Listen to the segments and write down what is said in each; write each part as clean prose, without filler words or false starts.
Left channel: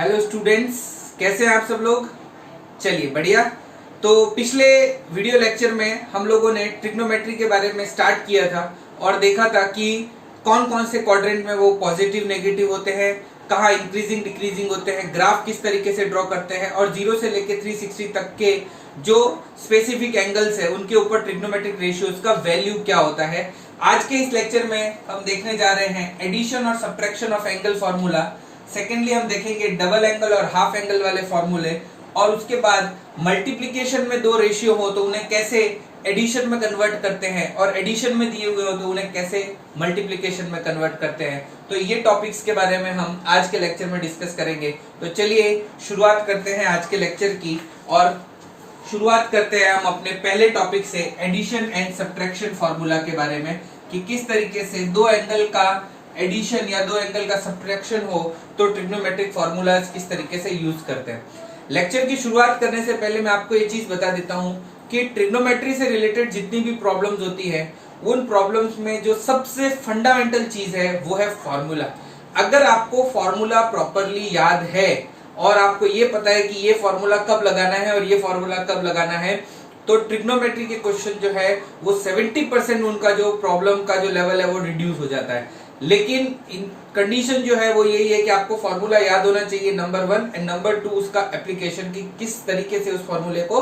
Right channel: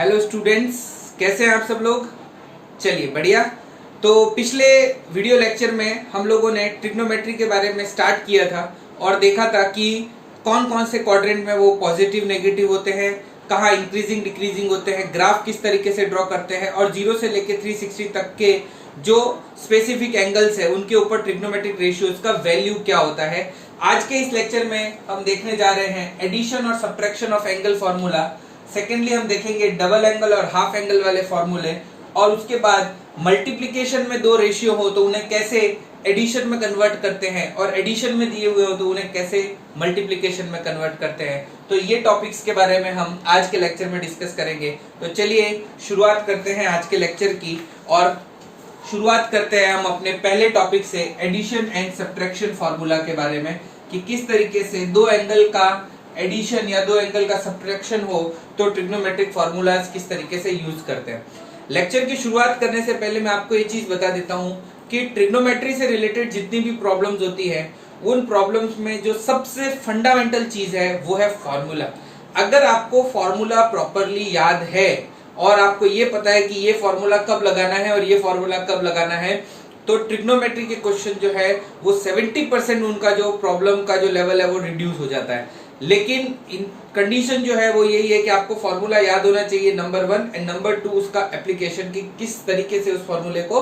Hello students, कैसे हैं आप सब लोग। चलिए बढ़िया। तो पिछले वीडियो लेक्चर में हम लोगों ने ट्रिग्नोमेट्री के बारे में स्टार्ट किया था और देखा था कि कौन कौन से क्वाड्रेंट में वो पॉजिटिव नेगेटिव होते हैं, कहाँ इंक्रीजिंग डिक्रीजिंग होते हैं, ग्राफ किस तरीके से ड्रॉ करते हैं और 0 से लेके 360 तक के जो स्पेसिफिक एंगल्स है उनके ऊपर ट्रिग्नोमेट्रिक रेशियोज का वैल्यू क्या होता है। आज के इस लेक्चर में हम देखने जा रहे हैं एडिशन और subtraction of angle formula. Secondly हम देखेंगे डबल एंगल और हाफ एंगल वाले फॉर्मूले, और उसके बाद मल्टीप्लिकेशन में दो रेशियो हो तो उन्हें कैसे एडिशन में कन्वर्ट करते हैं और एडिशन में दिए हुए हो तो उन्हें कैसे मल्टीप्लिकेशन में कन्वर्ट करते हैं। तो ये टॉपिक्स के बारे में हम आज के लेक्चर में डिस्कस करेंगे। तो चलिए शुरुआत करते हैं आज के लेक्चर की, और शुरुआत करते हैं हम अपने पहले टॉपिक से एडिशन एंड सब्ट्रैक्शन फॉर्मूला के बारे में, कि किस तरीके से दो एंगल का एडिशन या दो एंगल का सब्ट्रैक्शन हो तो ट्रिग्नोमेट्रिक फॉर्मूलाज किस तरीके से यूज करते हैं। लेक्चर की शुरुआत करने से पहले मैं आपको ये चीज बता देता हूं कि ट्रिग्नोमेट्री से रिलेटेड जितनी भी प्रॉब्लम्स होती है उन प्रॉब्लम्स में जो सबसे फंडामेंटल चीज है वो है फॉर्मूला। अगर आपको फॉर्मूला प्रॉपरली याद है और आपको ये पता है कि ये फॉर्मूला कब लगाना है और ये फॉर्मूला कब लगाना है, तो ट्रिग्नोमेट्री के क्वेश्चन जो है वो 70% उनका जो प्रॉब्लम का जो लेवल है वो रिड्यूस हो जाता है। लेकिन कंडीशन जो है वो यही है कि आपको फॉर्मूला याद होना चाहिए, नंबर 1, एंड नंबर 2 उसका एप्लीकेशन की किस तरीके से उस फॉर्मूले को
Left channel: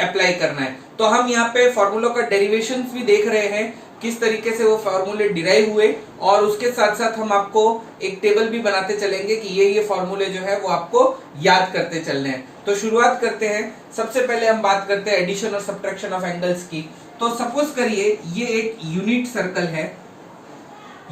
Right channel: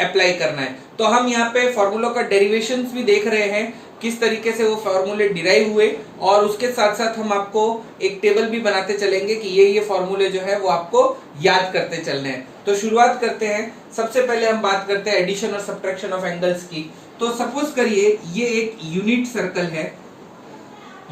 अप्लाई करना है। तो हम यहाँ पे फॉर्मूला का डेरिवेशंस भी देख रहे हैं, किस तरीके से वो फॉर्मूले डिराइव हुए, और उसके साथ साथ हम आपको एक टेबल भी बनाते चलेंगे कि ये फॉर्मूले जो है वो आपको याद करते चलने हैं। तो शुरुआत करते हैं। सबसे पहले हम बात करते हैं एडिशन और सब्ट्रैक्शन ऑफ एंगल्स की। तो सपोज करिए ये एक यूनिट सर्कल है।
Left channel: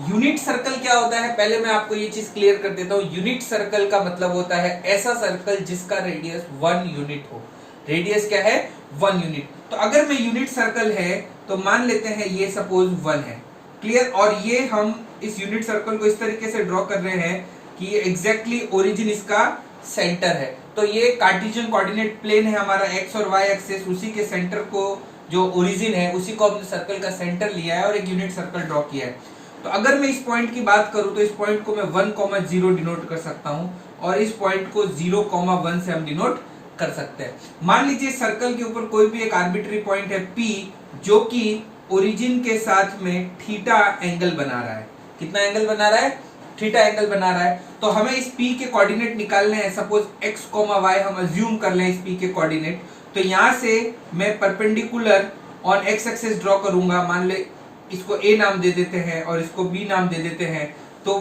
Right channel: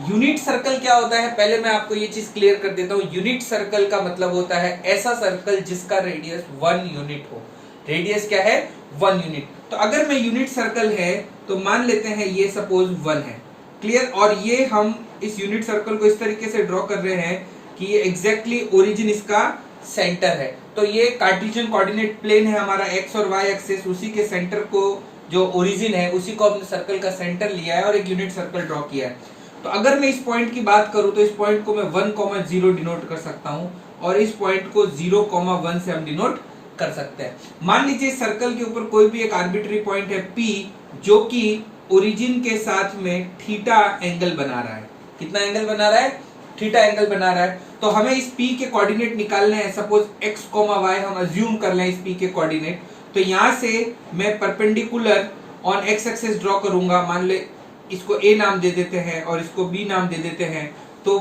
यूनिट सर्कल क्या होता है, पहले मैं आपको ये चीज क्लियर कर देता हूँ। यूनिट सर्कल का मतलब होता है ऐसा सर्कल जिसका रेडियस 1 यूनिट हो। रेडियस क्या है, 1 यूनिट। तो अगर मैं यूनिट सर्कल है तो मान लेते हैं ये सपोज 1 है, क्लियर। और ये हम इस यूनिट सर्कल को इस तरीके से ड्रॉ कर रहे हैं कि ये एग्जैक्टली ओरिजिन इसका सेंटर है। तो ये कार्टेशियन कोऑर्डिनेट प्लेन है हमारा, एक्स और वाई एक्सिस, उसी के सेंटर को जो ओरिजिन है उसी को हमने सर्कल का सेंटर लिया है और एक यूनिट सर्कल ड्रॉ किया है। तो अगर मैं इस पॉइंट की बात करूं तो इस पॉइंट को मैं 1,0 डिनोट कर सकता हूं और इस पॉइंट को 0,1 से हम डिनोट कर सकते हैं। मान लीजिए सर्कल के ऊपर कोई भी एक आर्बिट्री पॉइंट है P, जो कि ओरिजिन के साथ में थीटा एंगल बना रहा है। कितना एंगल बना रहा है, थीटा एंगल बना रहा है। तो हमें इस P के कोऑर्डिनेट निकालने हैं। सपोज x, y हम अज्यूम कर लें इस P के कोऑर्डिनेट। तो यहां से मैं perpendicular on x axis draw करूंगा। मान ले इसको A नाम दे देते हैं और इसको B नाम दे देते हैं। तो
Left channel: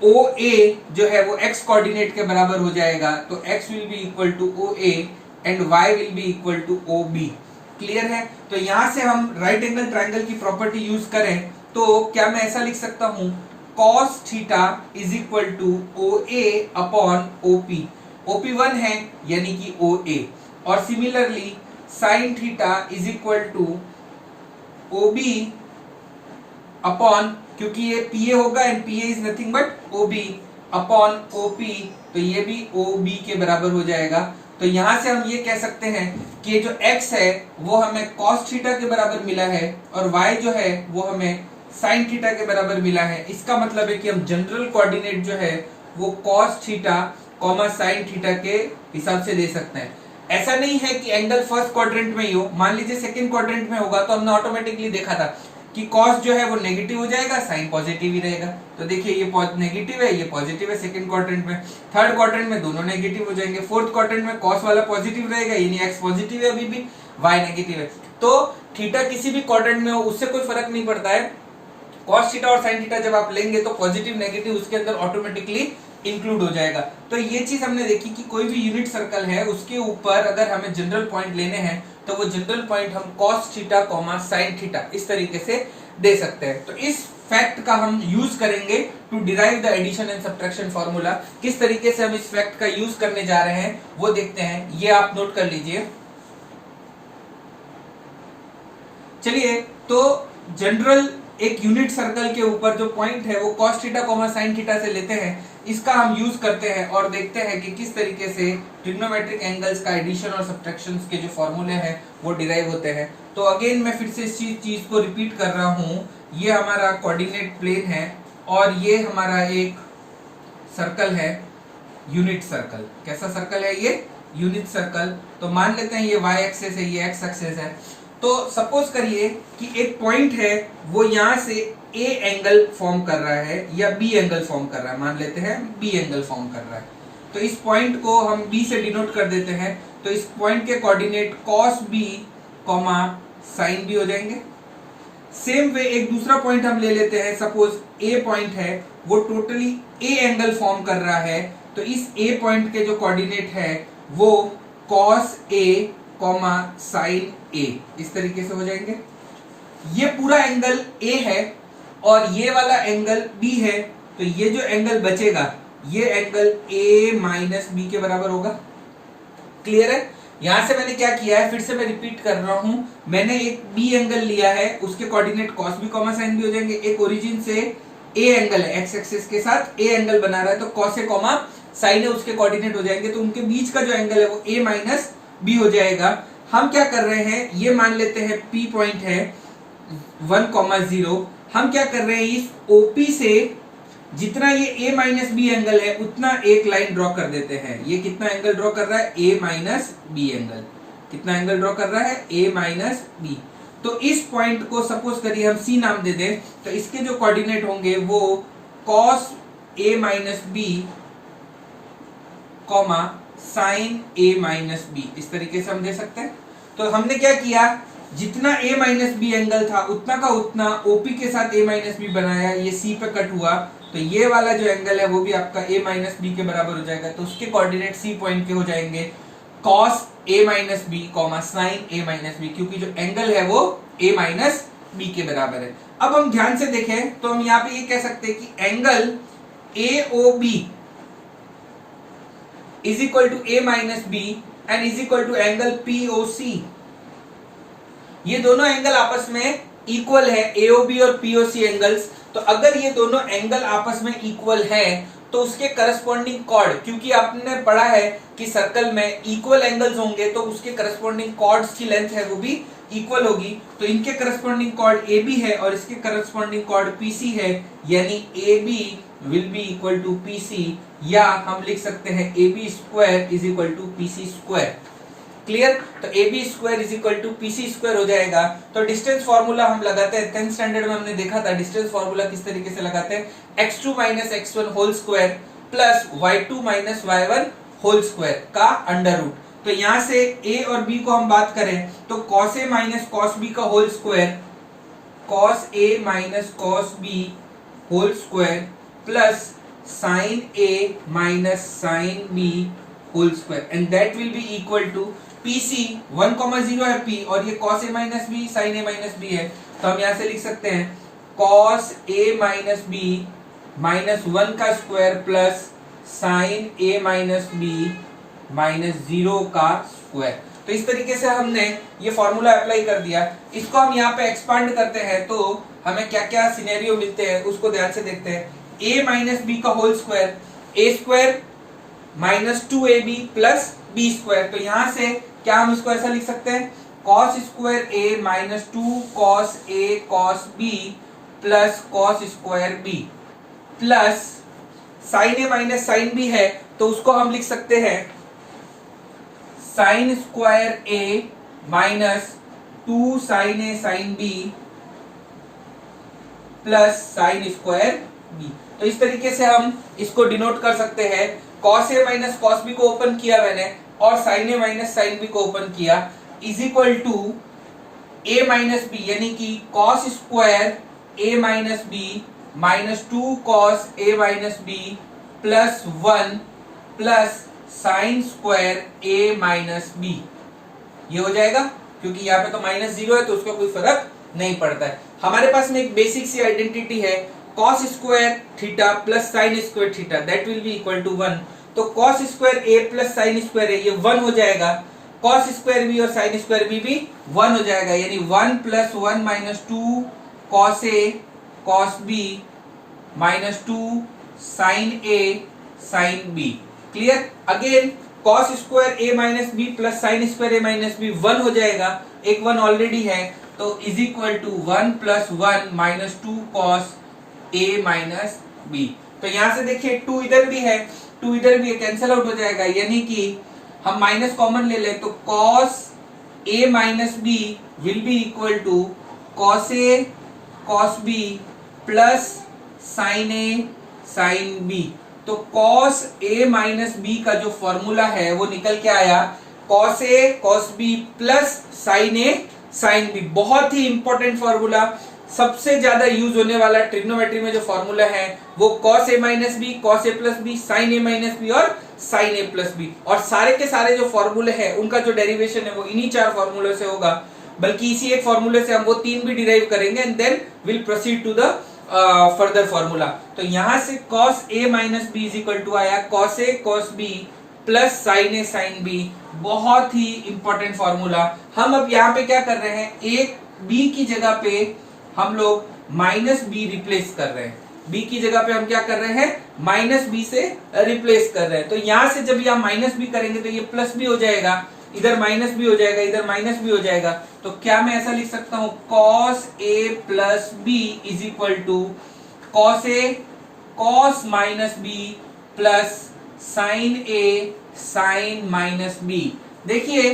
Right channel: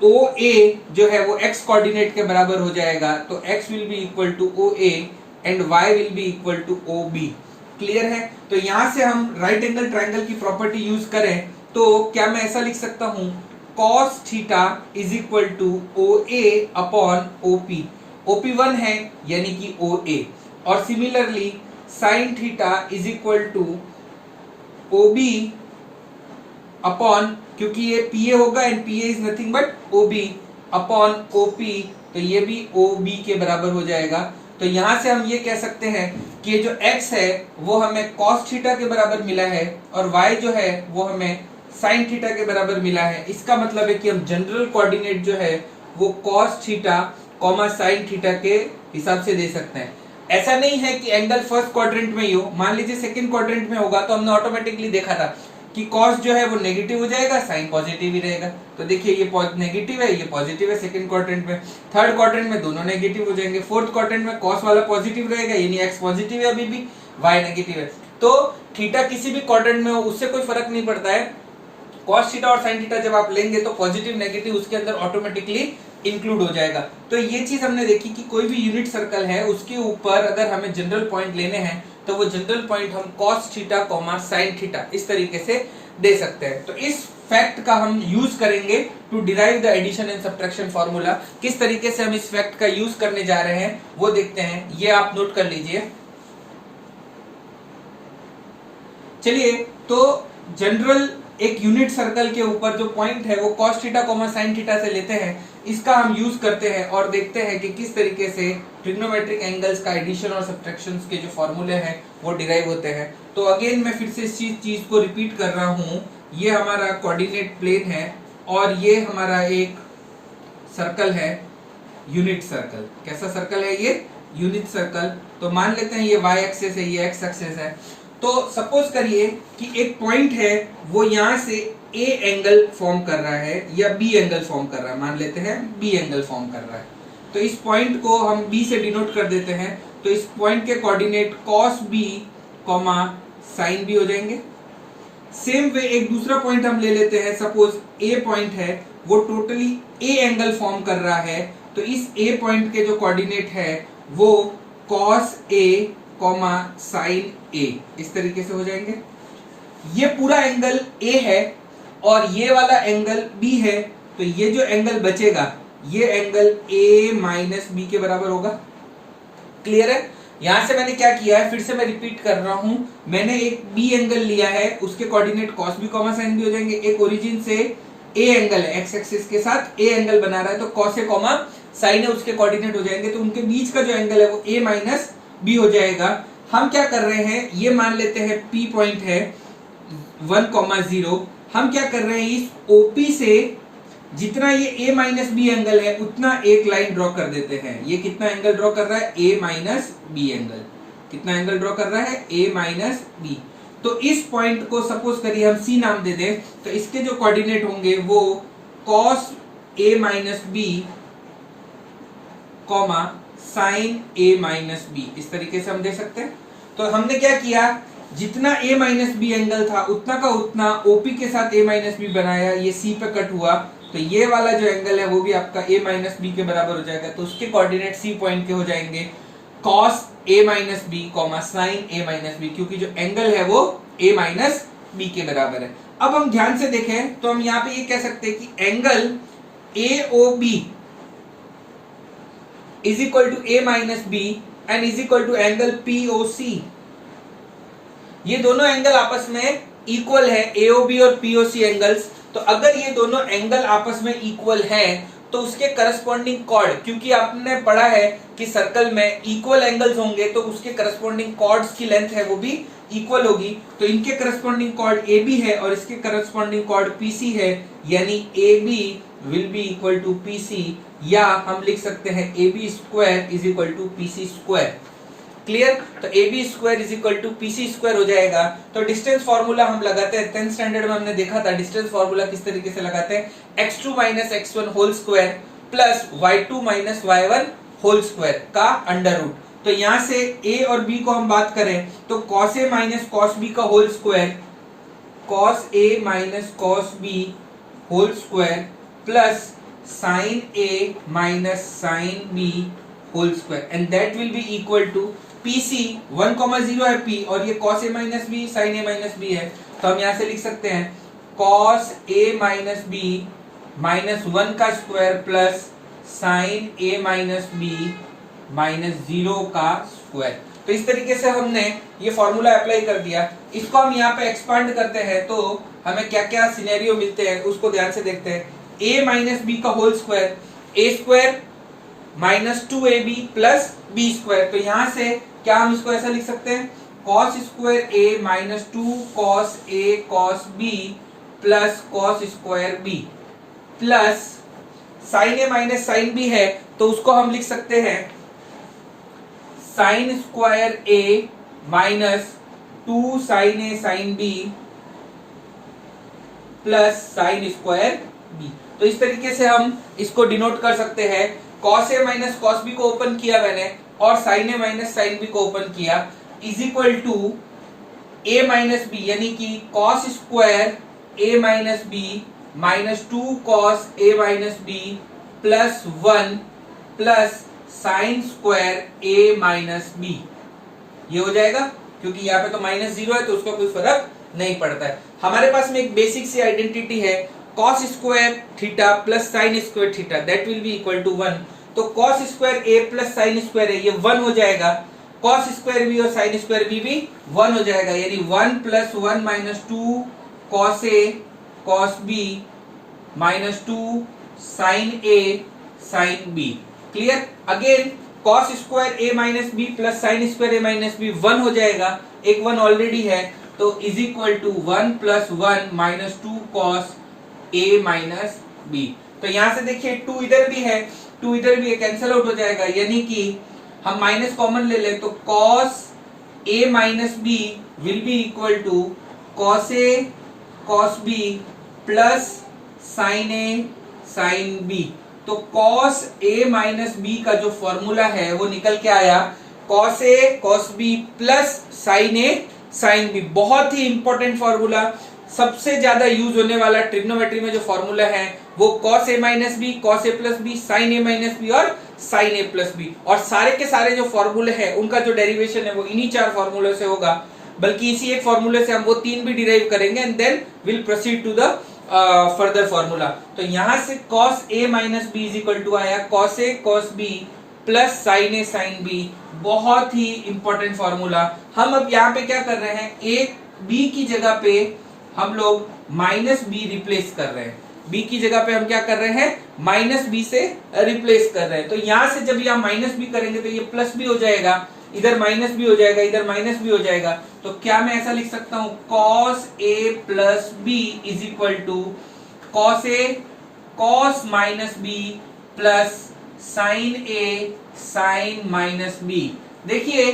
OA जो है वो x कोऑर्डिनेट के बराबर हो जाएगा। तो x will be equal to OA and y will be equal to OB। Clear है। तो यहां से हम राइट एंगल ट्रायंगल की प्रॉपर्टी यूज करें तो क्या मैं ऐसा लिख सकता हूं, cos theta is equal to OA upon OP। OP 1 है यानी कि OA, और similarly sin theta is equal to OB upon, क्योंकि ये PA होगा and PA is nothing but OB upon OP, तो ये भी OB के बराबर हो जाएगा। तो यहां से हम ये कह सकते हैं कि जो x है वो हमें cos थीटा के बराबर मिला है और y जो है वो हमें sin थीटा के बराबर मिला है। इसका मतलब है कि हम जनरल कोऑर्डिनेट जो है वो cos थीटा sin थीटा के हिसाब से दे सकते हैं। ऐसा नहीं है कि एंगल फर्स्ट क्वाड्रेंट में ही हो। मान लीजिए सेकंड क्वाड्रेंट में होगा तो हमने ऑटोमेटिकली देखा था कि cos जो है वो नेगेटिव हो जाएगा, sin पॉजिटिव ही रहेगा। तो देखिए ये नेगेटिव है, ये पॉजिटिव है सेकंड क्वाड्रेंट में। थर्ड क्वाड्रेंट में दोनों नेगेटिव हो जाएंगे। फोर्थ क्वाड्रेंट में cos वाला पॉजिटिव रहेगा, यानी x पॉजिटिव है अभी भी, y नेगेटिव है। तो थीटा किसी भी क्वाड्रेंट में हो उससे कोई फर्क नहीं पड़ता है। cos थीटा और sin थीटा जब आप लेंगे तो पॉजिटिव नेगेटिव उसके अंदर ऑटोमेटिकली इंक्लूड हो जाएगा। तो ये चीज हमने देखी कि कोई भी यूनिट सर्कल है उसके ऊपर अगर हमें जनरल पॉइंट लेने हैं तो वो जनरल पॉइंट हम cos थीटा sin थीटा इस तरीके से दे सकते हैं। तो इस फैक्ट का हम यूज करेंगे to derive the addition and subtraction formula. किस तरीके से हम इस फैक्ट का यूज करने जा रहे हैं वो देखते हैं, ये आप नोट कर लीजिए। चलिए, तो जनरल एक यूनिट सर्कल के ऊपर जो पॉइंट है वो cos थीटा sin थीटा से लेते हैं, इसका हम यूज करते हैं और देखते हैं कि किस तरीके से ट्रिग्नोमेट्रिक एंगल्स का एडिशन और सब्ट्रैक्शन के जो फॉर्मूले हैं वो डिराइव होते हैं। तो अगेन मैं फिर से इस चीज को रिपीट कर रहा हूं। ये हमारा कोऑर्डिनेट प्लेन है और ये हमारा एक सर्कल है यूनिट सर्कल। कैसा सर्कल है ये? Unit circle. तो मान लेते हैं ये y एक्सेस है, ये x एक्सेस है। तो सपोज करिए कि एक पॉइंट है, वो यहां से a एंगल फॉर्म कर रहा है या b एंगल फॉर्म कर रहा है। मान लेते हैं b एंगल फॉर्म कर रहा है। तो इस पॉइंट को हम b से डिनोट कर देते हैं। तो इस पॉइंट के coordinate cos b, sin b हो जाएंगे। सेम वे एक दूसरा पॉइंट हम ले लेते हैं। सपोज a पॉइंट है, वो टोटली a एंगल फॉर्म कर रहा है। तो इस a पॉइंट के जो कोऑर्डिनेट है वो cos a, sin a, इस तरीके से हो जाएंगे। ये पूरा एंगल a है और ये वाला एंगल b है। तो ये जो एंगल बचेगा ये एंगल a माइनस b के बराबर होगा। क्लियर है? यहां से मैंने क्या किया है, फिर से मैं रिपीट कर रहा हूं। मैंने एक b एंगल लिया है, उसके coordinate cos b, sin b हो जाएंगे। एक ओरिजिन से a एंगल है, x एक्सिस के साथ a एंगल बना रहा है, तो cos a, sin a उसके कोऑर्डिनेट हो जाएंगे। तो उनके बीच का जो एंगल है वो a माइनस b हो जाएगा। हम क्या कर रहे हैं, ये मान लेते हैं p पॉइंट है 1,0। हम क्या कर रहे हैं, इस OP से जितना ये a माइनस बी एंगल है उतना एक लाइन ड्रॉ कर देते हैं। ये कितना एंगल ड्रॉ कर रहा है, a माइनस बी एंगल। कितना एंगल ड्रॉ कर रहा है, a माइनस बी। तो इस पॉइंट को सपोज करिए हम c नाम दे दें। तो इसके जो कोऑर्डिनेट होंगे वो cos a minus b, sin a minus b, इस तरीके से हम दे सकते हैं। तो हमने क्या किया, जितना a माइनस बी एंगल था उतना का उतना OP के साथ a माइनस बी बनाया, ये c पे कट हुआ। तो ये वाला जो एंगल है वो भी आपका a माइनस बी के बराबर हो जाएगा। तो उसके कोऑर्डिनेट c पॉइंट के हो जाएंगे cos a minus b, sin a minus b, क्योंकि जो एंगल है वो a माइनस बी के बराबर है। अब हम ध्यान से देखें तो हम यहाँ पे ये कह सकते हैं कि angle AOB is equal to a minus b and is equal to angle POC। ये दोनों एंगल आपस में इक्वल है, AOB और POC एंगल्स। तो अगर ये दोनों एंगल आपस में इक्वल है तो उसके करस्पॉन्डिंग कॉर्ड, क्योंकि आपने पढ़ा है कि सर्कल में इक्वल एंगल्स होंगे तो उसके करस्पॉन्डिंग कॉर्ड्स की लेंथ है वो भी इक्वल होगी। तो इनके करस्पॉन्डिंग कॉर्ड AB है और इसके करस्पॉन्डिंग कॉर्ड PC है, यानी AB will be equal to PC, या हम लिख सकते हैं AB square is equal to PC square. Clear? तो AB square is equal to PC square हो जाएगा। तो डिस्टेंस फार्मूला हम लगाते हैं, 10th स्टैंडर्ड में हमने देखा था डिस्टेंस फार्मूला किस तरीके से लगाते हैं, x2 minus x1 whole square plus y2 minus y1 whole square का अंडर रूट। तो यहां से a और b को हम बात करें तो cos a minus cos b का whole square, cos a minus cos b whole square plus sin a minus sin b whole square, and that will be equal to PC 1,0 है P और ये cos a minus b sin a minus b है। तो हम यहां से लिख सकते हैं cos a minus b minus 1 का square plus sin a minus b minus 0 का स्क्वायर। तो इस तरीके से हमने ये फॉर्मूला अप्लाई कर दिया। इसको हम यहाँ पे एक्सपांड करते हैं तो हमें क्या क्या सिनेरियो मिलते हैं उसको ध्यान से देखते हैं। a माइनस बी का whole square, a square minus 2ab plus b square. तो यहां से क्या हम इसको ऐसा लिख सकते हैं, cos square a minus 2 cos a cos b plus cos square b plus sin a minus sin b है तो उसको हम लिख सकते हैं sin square a minus 2 sin a sin b plus sin square b। तो इस तरीके से हम इसको डिनोट कर सकते हैं। cos a minus cos b को ओपन किया मैंने और sin a minus sin b को ओपन किया, is equal to a minus b, यानी कि cos square a minus b minus 2 cos a minus b plus 1 plus sin square a minus b। ये हो जाएगा, क्योंकि यहाँ पे तो माइनस 0 है तो उसका कोई फर्क नहीं पड़ता है। हमारे पास में एक बेसिक सी आइडेंटिटी है, cos square theta plus sin square theta, that will be equal to 1। तो cos square a plus sin square है, ये 1 हो जाएगा। cos स्क्वायर b और sin स्क्वायर b भी 1 हो जाएगा, यानी 1 plus 1 minus 2 cos a cos b minus 2 sin a sin b। Clear? Again cos square a minus b plus sin square a minus b 1 हो जाएगा, एक 1 ऑलरेडी है, तो is equal to 1 plus 1 minus 2 cos a minus b। तो यहां से देखिए 2 इधर भी है टू इधर भी कैंसिल आउट हो जाएगा, यानी कि हम माइनस कॉमन ले लें तो cos a minus b will be equal to cos a cos b plus sine a sine b. तो कॉस ए माइनस बी का जो फॉर्मूला है वो निकल के आया cos a cos b plus sine a sine b. बहुत ही इंपॉर्टेंट फॉर्मूला, सबसे ज्यादा यूज होने वाला ट्रिग्नोमेट्री में जो फॉर्मूला है वो cos a minus b, cos A plus b, sine A minus B और साइन ए प्लस बी। और सारे के सारे जो फॉर्मूले हैं उनका जो डेरिवेशन है वो इन्हीं 4 फॉर्मूले से होगा, बल्कि इसी एक फॉर्मूले से हम वो 3 भी डिराइव करेंगे and then will proceed to the further formula. तो यहां से cos a minus b is equal to आया cos a cos b plus sine a sine b. बहुत ही इंपॉर्टेंट फॉर्मूला। हम अब यहाँ पे क्या कर रहे हैं, एक बी की जगह पे हम लोग माइनस बी रिप्लेस कर रहे हैं। बी की जगह पे हम क्या कर रहे हैं, माइनस बी से रिप्लेस कर रहे हैं। तो यहां से जब यहां माइनस बी करेंगे तो ये प्लस बी हो जाएगा, इधर माइनस बी हो जाएगा, इधर माइनस बी हो जाएगा। तो क्या मैं ऐसा लिख सकता हूं, cos A plus b is equal to cos a cos minus b plus sine a sine minus b. देखिए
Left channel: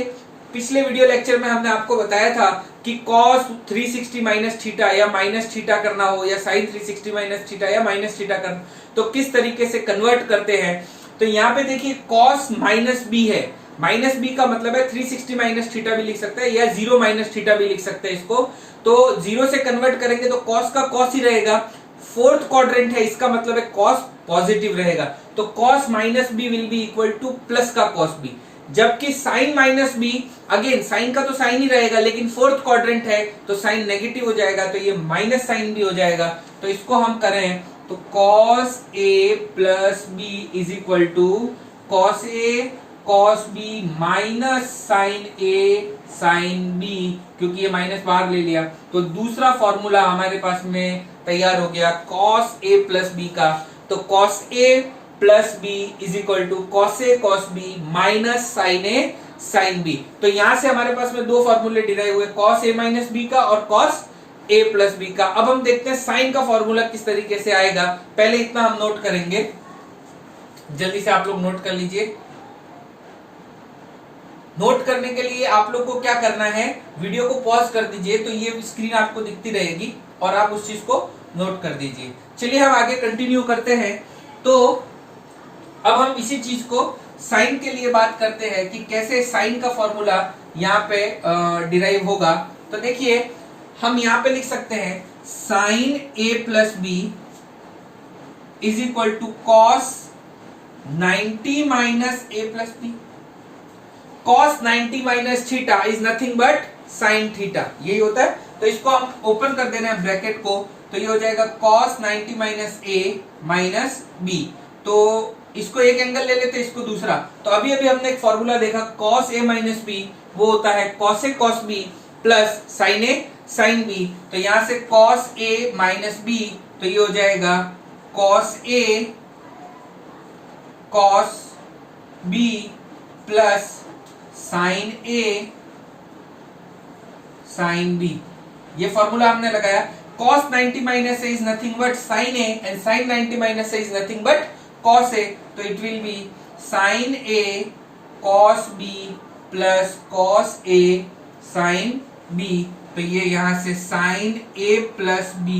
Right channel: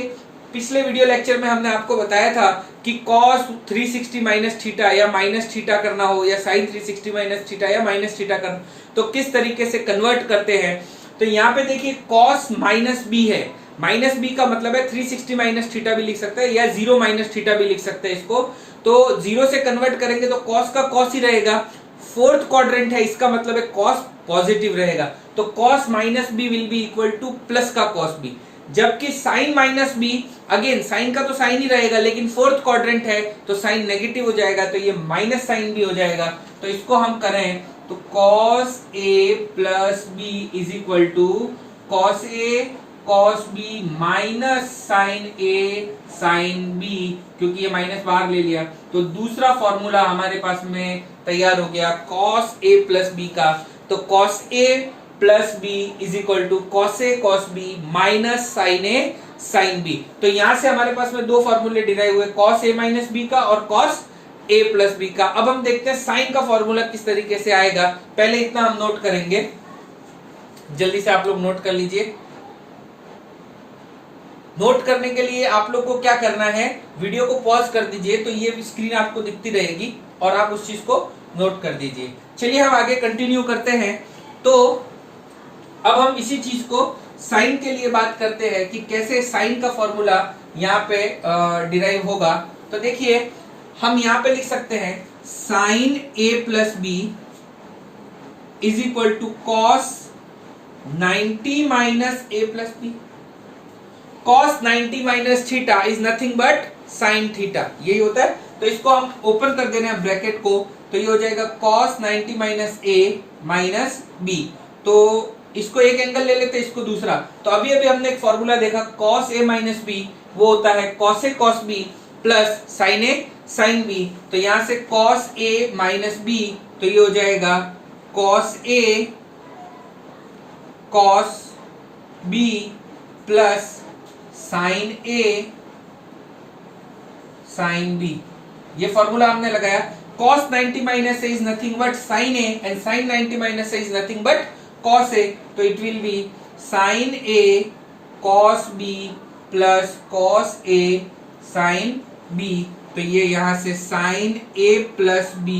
पिछले वीडियो लेक्चर में हमने आपको बताया था कि cos 360 माइनस थीटा या माइनस थीटा करना हो या sin 360 माइनस थीटा या माइनस थीटा करना, तो किस तरीके से कन्वर्ट करते हैं। तो यहाँ पे देखिए cos माइनस बी है, माइनस बी का मतलब है 360 माइनस थीटा भी लिख सकते हैं या 0 माइनस थीटा भी लिख सकते हैं इसको। तो 0 से कन्वर्ट करेंगे तो cos का cos ही रहेगा, फोर्थ क्वाड्रेंट है इसका मतलब है cos पॉजिटिव रहेगा। तो cos minus b will be equal to plus का cos बी, जबकि sine minus b again sine का तो साइन ही रहेगा लेकिन फोर्थ क्वाड्रेंट है तो साइन नेगेटिव हो जाएगा, तो ये माइनस साइन बी हो जाएगा। तो इसको हम करें तो cos A plus b is equal to cos a cos b minus sine a sine b, क्योंकि ये माइनस बाहर ले लिया। तो दूसरा फॉर्मूला हमारे पास में तैयार हो गया कॉस ए प्लस बी का। तो cos A plus b is equal to cos a cos b minus sine a sine b. तो यहां से हमारे पास में 2 फॉर्मूले डिराइव हुए, कॉस ए माइनस बी का और कॉस ए प्लस बी का। अब हम देखते हैं साइन का फॉर्मूला किस तरीके से आएगा। पहले इतना हम नोट करेंगे, जल्दी से आप लोग नोट कर लीजिए। नोट करने के लिए आप लोग को क्या करना है, वीडियो को पॉज कर दीजिए तो ये स्क्रीन आपको दिखती रहेगी और आप उस चीज को नोट कर दीजिए। चलिए हम आगे कंटिन्यू करते हैं। तो अब हम इसी चीज को साइन के लिए बात करते हैं कि कैसे साइन का फॉर्मूला यहाँ पे डिराइव होगा। तो देखिए हम यहाँ पे लिख सकते हैं sine A plus b is equal to cos 90 minus a plus b. Cos 90 minus theta is nothing but sine theta, यही होता है। तो इसको हम ओपन कर दे रहे हैं ब्रैकेट को, तो ये हो जाएगा कॉस 90 माइनस ए माइनस बी। तो इसको एक एंगल ले लेते, इसको दूसरा। तो अभी अभी हमने एक फॉर्मूला देखा कॉस ए माइनस बी, वो होता है cos a cos b plus sine a sine b. तो यहां से कॉस ए माइनस बी, तो ये हो जाएगा cos a cos b plus sine a sine b. ये फॉर्मूला हमने लगाया। Cos 90 minus a is nothing but sine a and sine 90 minus a is nothing but cos A, तो it will be sin A cos B plus cos A sin B। तो ये यहां से sin A plus B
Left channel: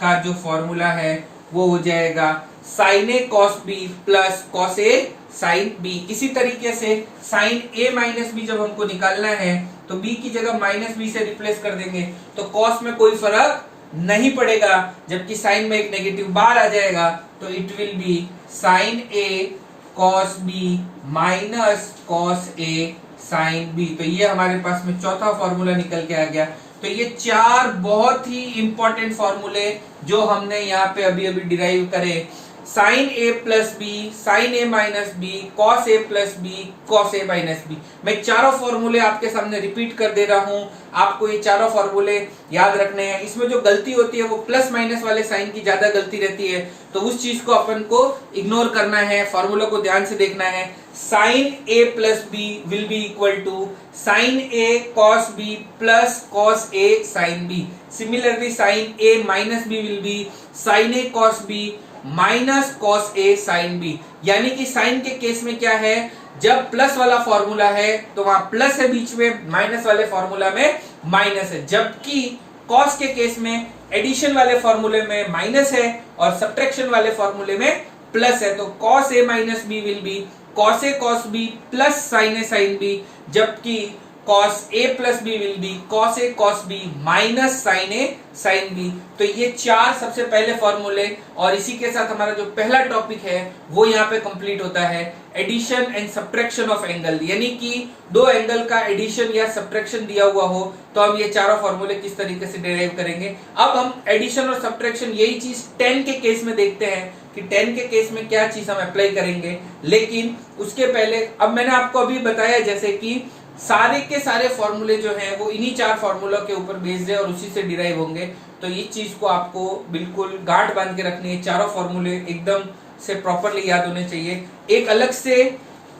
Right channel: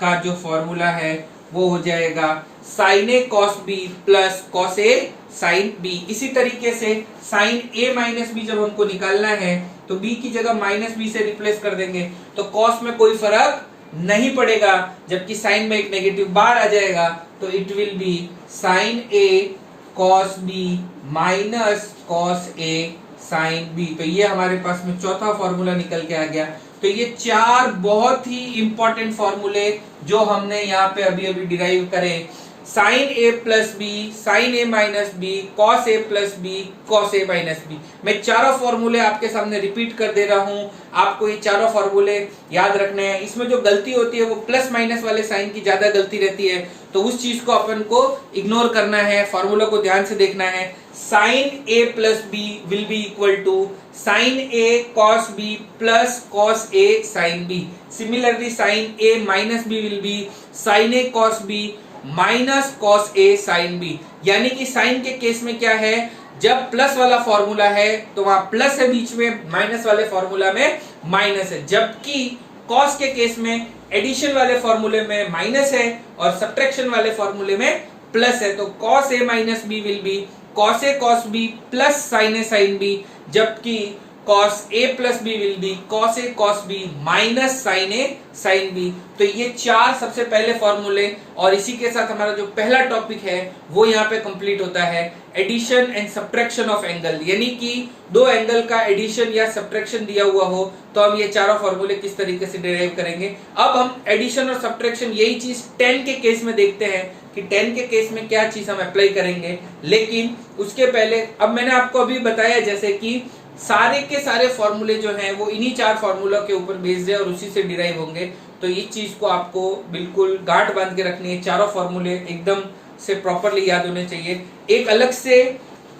का जो formula है वो हो जाएगा sin A cos B plus cos A sin B। इसी तरीके से sin A माइनस बी जब हमको निकालना है तो B की जगह माइनस बी से रिप्लेस कर देंगे, तो cos में कोई फर्क नहीं पड़ेगा, जबकि साइन में एक नेगेटिव बार आ जाएगा। तो it will be sine A cos b minus cos A sine b. तो ये हमारे पास में चौथा फॉर्मूला निकल के आ गया। तो ये 4 बहुत ही इंपॉर्टेंट फॉर्मूले जो हमने यहाँ पे अभी अभी डिराइव करे, sign A plus b, sine A minus b, cos A plus b, cos a minus B. मैं चारों फॉर्मूले आपके सामने रिपीट कर दे रहा हूं, आपको ये चारों फॉर्मूले याद रखने हैं। इसमें जो गलती होती है वो प्लस माइनस वाले साइन की ज्यादा गलती रहती है, तो उस चीज को अपन को इग्नोर करना है, फॉर्मूला को ध्यान से देखना है। Sine A plus b will be equal to sine A cos b plus cos A sine b. Similarly sine A minus b will be sine A cos b minus cos A sine b. यानी कि sign के case में क्या है, जब plus वाला formula है तो वहां प्लस है बीच में, माइनस वाले फॉर्मूला में माइनस है। जबकि कॉस के केस में एडिशन वाले फॉर्मूले में माइनस है और सब्ट्रैक्शन वाले फॉर्मूले में प्लस है। तो cos a minus b will be cos a cos b plus sine a sine b, जबकि cos a plus b will be cos a cos b minus sine a sine b. तो ये चार सबसे पहले फॉर्मूले, और इसी के साथ हमारा जो पहला टॉपिक है वो यहाँ पे कंप्लीट होता है, addition and subtraction of angle. यानी कि दो एंगल का एडिशन या सब्ट्रैक्शन दिया हुआ हो तो हम ये चारों फॉर्मूले किस तरीके से डिराइव करेंगे। अब हम एडिशन और सब्ट्रैक्शन यही चीज 10 के केस में देखते हैं कि 10 के केस में क्या चीज हम अप्लाई करेंगे। लेकिन उसके पहले अब मैंने आपको अभी बताया जैसे कि सारे के सारे फॉर्मूले जो हैं वो इन्हीं चार फॉर्मूलों के ऊपर बेस्ड है और उसी से डिराइव होंगे। तो इस चीज को आपको बिल्कुल गांठ बांध के रखनी है, चारों फॉर्मूले एकदम से प्रॉपरली याद होने चाहिए। एक अलग से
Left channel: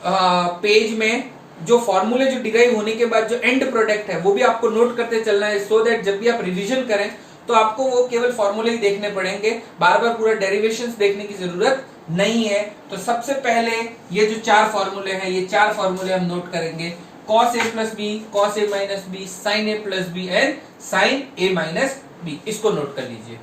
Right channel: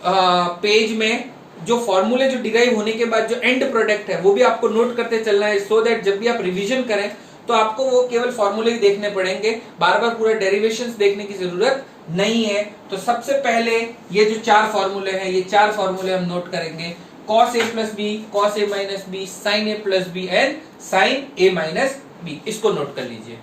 पेज में जो फॉर्मूले जो डिराइव होने के बाद जो एंड प्रोडक्ट है वो भी आपको नोट करते चलना है, सो दैट जब भी आप रिवीजन करें तो आपको वो केवल फॉर्मूले ही देखने पड़ेंगे, बार बार पूरा डेरिवेशंस देखने की जरूरत नहीं है। तो सबसे पहले ये जो चार फॉर्मूले हैं ये चार फॉर्मूले हम नोट करेंगे, cos a plus b, cos a minus b, sin a plus b and sin a minus b. इसको नोट कर लीजिए।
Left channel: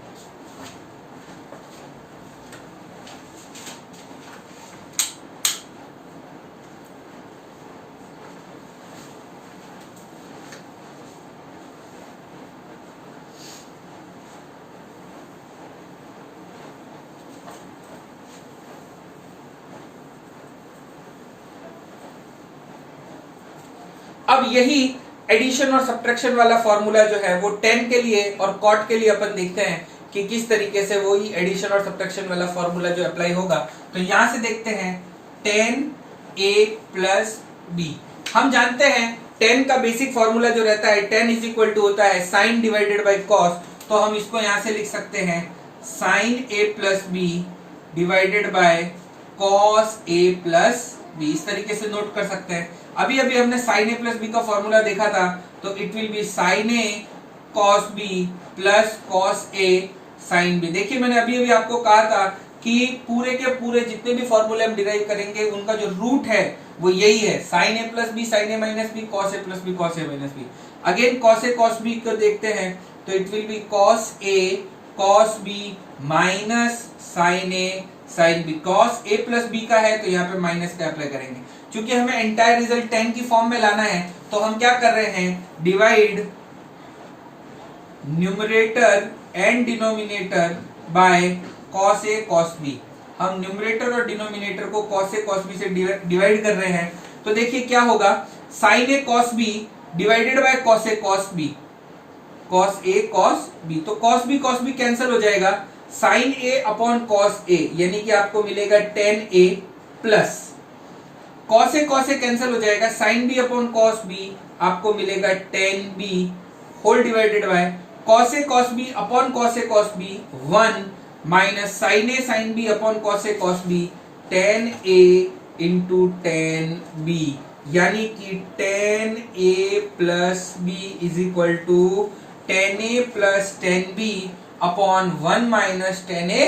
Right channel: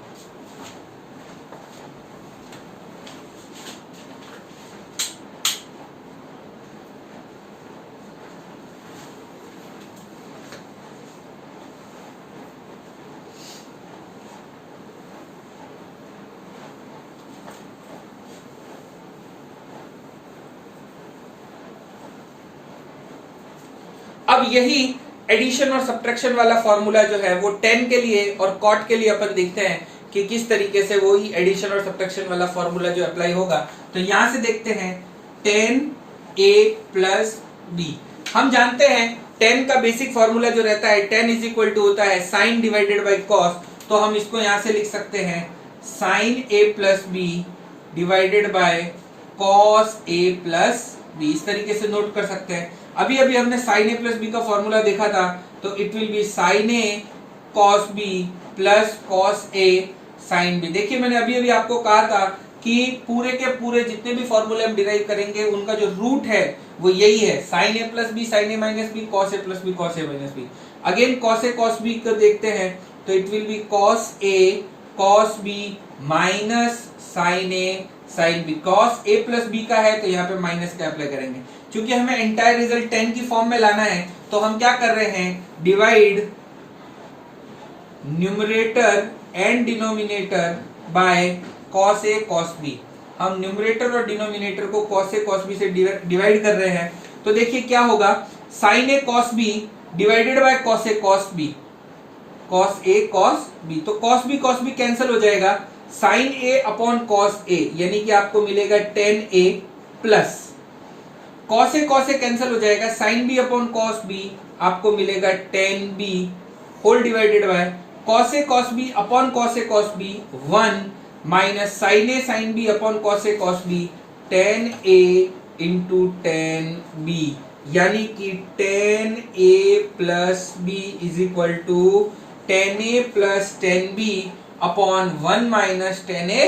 अब यही एडिशन और सब्ट्रैक्शन वाला फॉर्मूला जो है वो 10 के लिए और कॉट के लिए अपन देखते हैं कि किस तरीके से वो ही एडिशन और सब्ट्रैक्शन वाला फॉर्मूला जो अप्लाई होगा। तो यहां से देखते हैं 10a प्लस बी। हम जानते हैं 10 का बेसिक फॉर्मूला जो रहता है 10 इज इक्वल टू होता है साइन डिवाइडेड बाई कॉस। तो हम इसको यहां से लिख सकते हैं sine a plus b divided by cos a plus b. इस तरीके से नोट कर सकते हैं। अभी अभी हमने साइन ए प्लस बी का फॉर्मूला देखा था, तो it will be sine A cos b plus cos A sine b. देखिए मैंने अभी अभी आपको कहा था कि पूरे के पूरे जितने भी फॉर्मूले हम डिराइव करेंगे उनका जो रूट है वो यही है, sine A plus b sine A minus b cos A plus b cos a minus b. Again cos a cos b को देखते हैं तो it will be cos a cos b minus sine a sine b. Cos A plus b का है तो यहाँ पे minus का अप्लाई करेंगे। क्योंकि हमें एंटायर रिजल्ट 10 की फॉर्म में लाना है तो हम क्या कर रहे हैं, divide numerator and denominator by cos a cos b. हम न्यूमरेटर और डिनोमिनेटर को कॉस ए कॉस बी से डिवाइड कर रहे हैं। तो देखिए क्या होगा, sine A cos b divided by cos a cos b, cos a cos b. तो कॉस बी कैंसिल हो जाएगा, sine a upon cos a यानी कि आपको मिलेगा 10a प्लस कॉस ए कैंसिल हो जाएगा, sine b upon cos b आपको मिलेगा 10b whole divided by cos a b upon cos a b 1 minus sine b upon cos a b 10a into 10b, यानी कि 10a plus b is equal to 10a plus 10b upon 1 minus 10a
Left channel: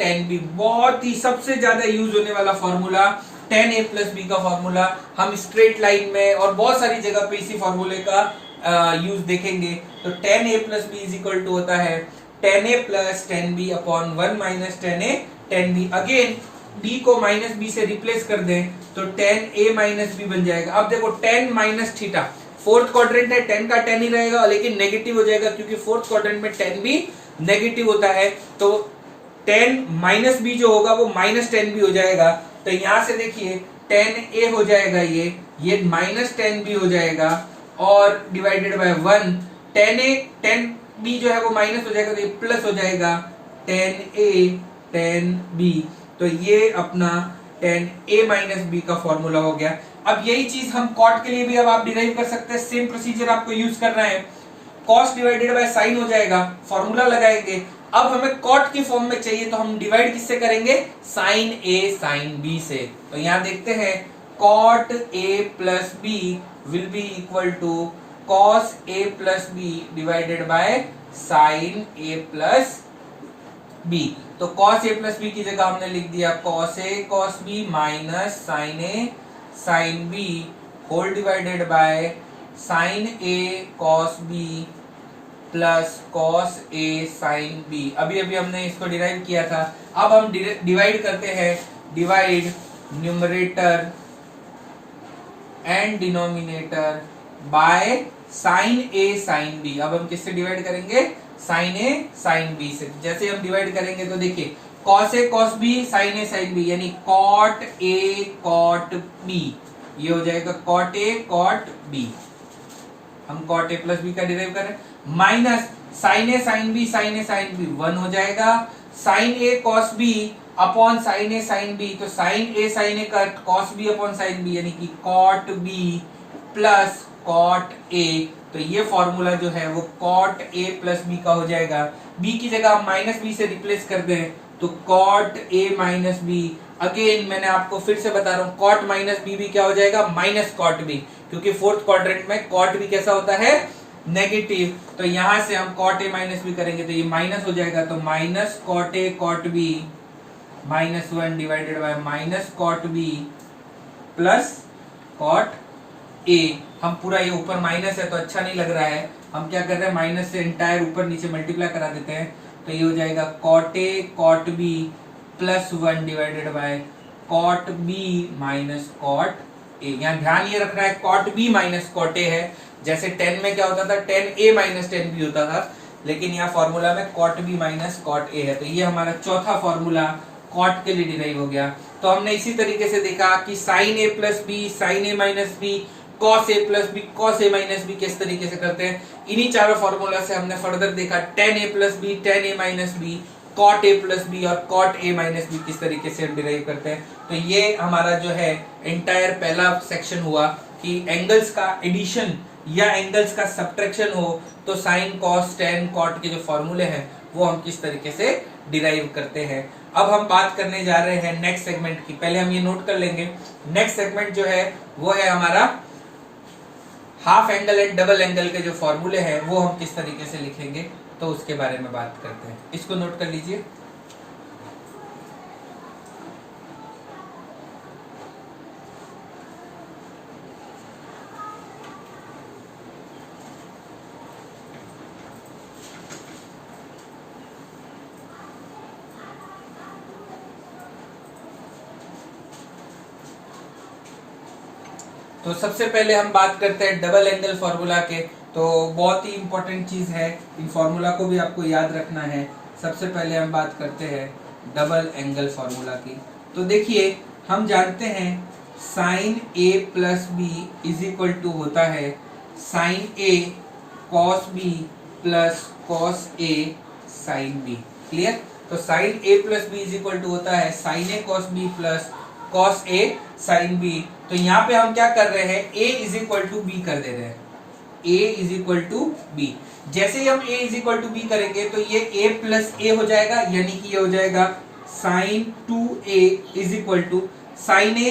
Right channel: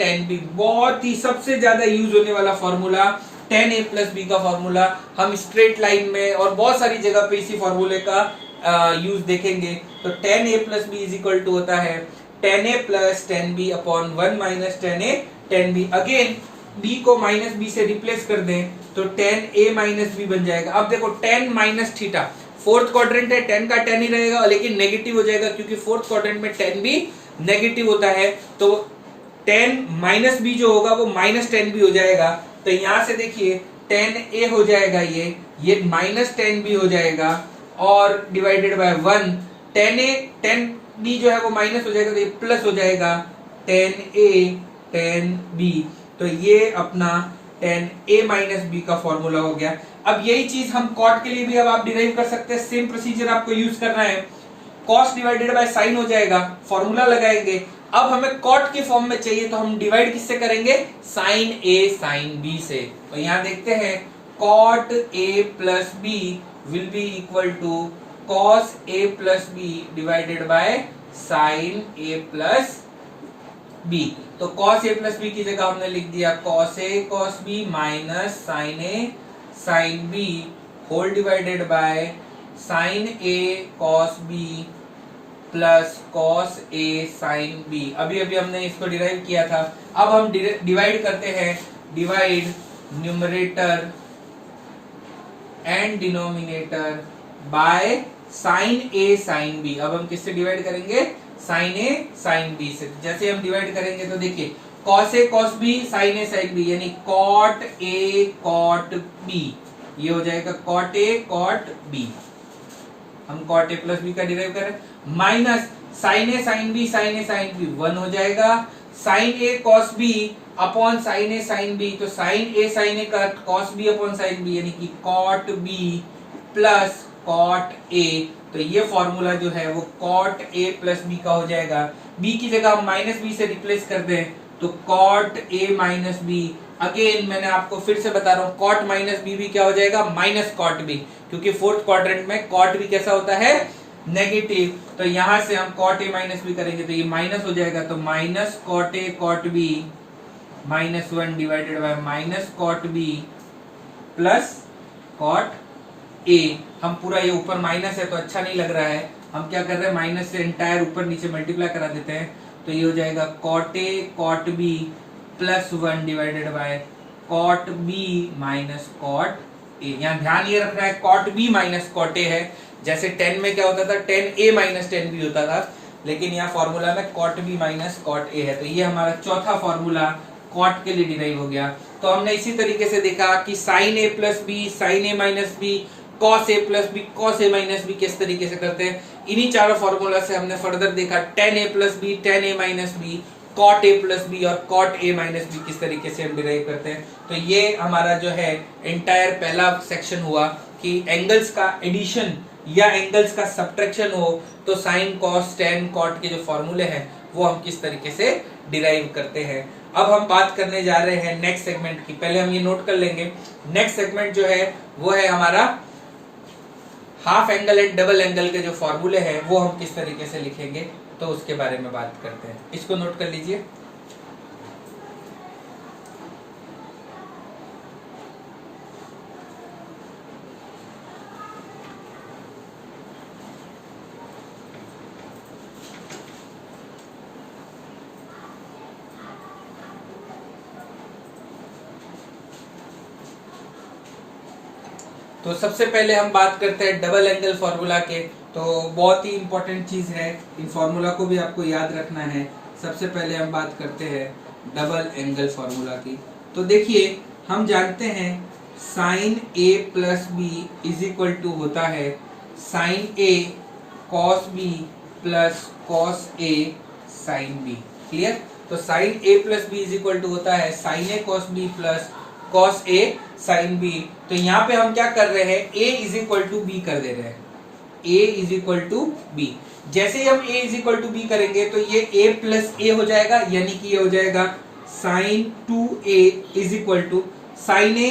10b। बहुत ही सबसे ज्यादा use होने वाला formula 10a plus b का formula हम स्ट्रेट लाइन में और बहुत सारी जगह पे इसी फॉर्मूले का यूज देखेंगे। तो 10a plus b is equal to होता है 10a plus 10b upon 1 minus 10a 10b। Again b को माइनस b से रिप्लेस कर दें तो 10a माइनस b बन जाएगा। अब देखो 10 माइनस थीटा, फोर्थ क्वाड्रेंट है 10 का 10 ही रहेगा लेकिन नेगेटिव हो जाएगा क्योंकि फोर्थ क्वाड्रेंट में 10 भी नेगेटिव होता है। तो 10 माइनस बी जो होगा वो माइनस 10 भी हो जाएगा। तो यहां से देखिए 10a हो जाएगा, ये माइनस 10b हो जाएगा और डिवाइडेड बाय 1 10b जो है वो माइनस हो जाएगा तो ये प्लस हो जाएगा 10a 10b। तो ये अपना 10a माइनस b का फॉर्मूला हो गया। अब यही चीज हम कॉट के लिए भी अब आप डिराइव कर सकते हैं, सेम प्रोसीजर आपको यूज करना है। कॉस डिवाइडेड बाय साइन हो जाएगा, फॉर्मूला लगाएंगे। अब हमें कॉट की फॉर्म में चाहिए तो हम डिवाइड किससे करेंगे, साइन ए साइन बी से। तो यहां देखते हैं cot a plus b will be equal to cos A plus b divided by sine A plus b. तो कॉस ए प्लस बी की जगह हमने लिख दिया cos a cos b minus sine a sine b whole divided by sine A cos b plus cos A sine b. अभी अभी हमने इसको डिराइव किया था। अब हम डिवाइड करते हैं, divide numerator and denominator by sine a sine b. अब हम किससे डिवाइड करेंगे? साइन ए साइन बी से। जैसे हम डिवाइड करेंगे तो देखिए cos a cos b sine a sine b यानी कॉट ए कॉट बी, ये हो जाएगा कॉट ए कॉट बी। हम कॉट ए प्लस बी का डिराइव कर रहे हैं minus sine a sine b sine a sine b 1 हो जाएगा, sine A cos b upon sine a sine b, तो साइन ए का cos b upon sine b यानी कि कॉट बी प्लस कॉट ए। तो ये फॉर्मूला जो है वो कॉट ए प्लस बी का हो जाएगा। बी की जगह हम माइनस बी से रिप्लेस कर दें तो cot a minus b. Again मैंने आपको फिर से बता रहा हूं कॉट माइनस बी भी क्या हो जाएगा? माइनस कॉट बी, क्योंकि फोर्थ क्वाड्रेंट में कॉट बी कैसा होता है? नेगेटिव। तो यहां से हम कॉट ए माइनस बी करेंगे तो ये माइनस हो जाएगा, तो minus cot a cot b minus 1 divided by minus cot b plus cot a. हम पूरा ये ऊपर माइनस है तो अच्छा नहीं लग रहा है, हम क्या कर रहे हैं माइनस से एंटायर ऊपर नीचे मल्टीप्लाई करा देते हैं। तो ये हो जाएगा cot a cot b plus 1 divided by cot b minus cot a. यहाँ ध्यान ये रखना है cot b minus cot a है। जैसे 10 में क्या होता था? 10a माइनस 10b होता था, लेकिन यहाँ फॉर्मूला में cot b minus cot a है। तो ये हमारा चौथा फॉर्मूला कॉट के लिए डिराइव हो गया। तो हमने इसी तरीके से देखा कि sign A plus b sine A minus b cos A plus b cos a minus b किस तरीके से करते हैं। इन्हीं चारों फॉर्मूला से हमने फर्दर देखा tan a plus b tan a minus b cot a plus b और कॉट ए माइनस बी किस तरीके से हम डिराइव करते हैं। तो ये हमारा जो है एंटायर पहला सेक्शन हुआ कि एंगल्स का एडिशन या एंगल्स का सब्ट्रैक्शन हो तो साइन कॉस टेन कॉट के जो फॉर्मूले हैं वो हम किस तरीके से डिराइव करते हैं। अब हम बात करने जा रहे हैं नेक्स्ट सेगमेंट की। पहले हम ये नोट कर लेंगे, नेक्स्ट सेगमेंट जो है वो है हमारा half angle and double angle के जो फॉर्मूले हैं वो हम किस तरीके से लिखेंगे, तो उसके बारे में बात करते हैं। इसको नोट कर लीजिए। तो सबसे पहले हम बात करते हैं डबल एंगल फॉर्मूला के। तो बहुत ही इंपॉर्टेंट चीज है, इन फॉर्मूला को भी आपको याद रखना है। सबसे पहले हम बात करते हैं डबल एंगल फॉर्मूला की। तो देखिए हम जानते हैं sine A plus b is equal to होता है साइन ए कॉस बी प्लस कॉस ए साइन बी। क्लियर? तो sine A plus b is equal to होता है साइन ए कॉस बी प्लस कॉस ए साइन बी। तो यहाँ पे हम क्या कर रहे हैं? a is equal to b कर दे रहे हैं। a is equal to b. जैसे ही हम a is equal to B करेंगे तो ये a प्लस ए हो जाएगा, यानी कि ये हो जाएगा sine 2a is equal to sine A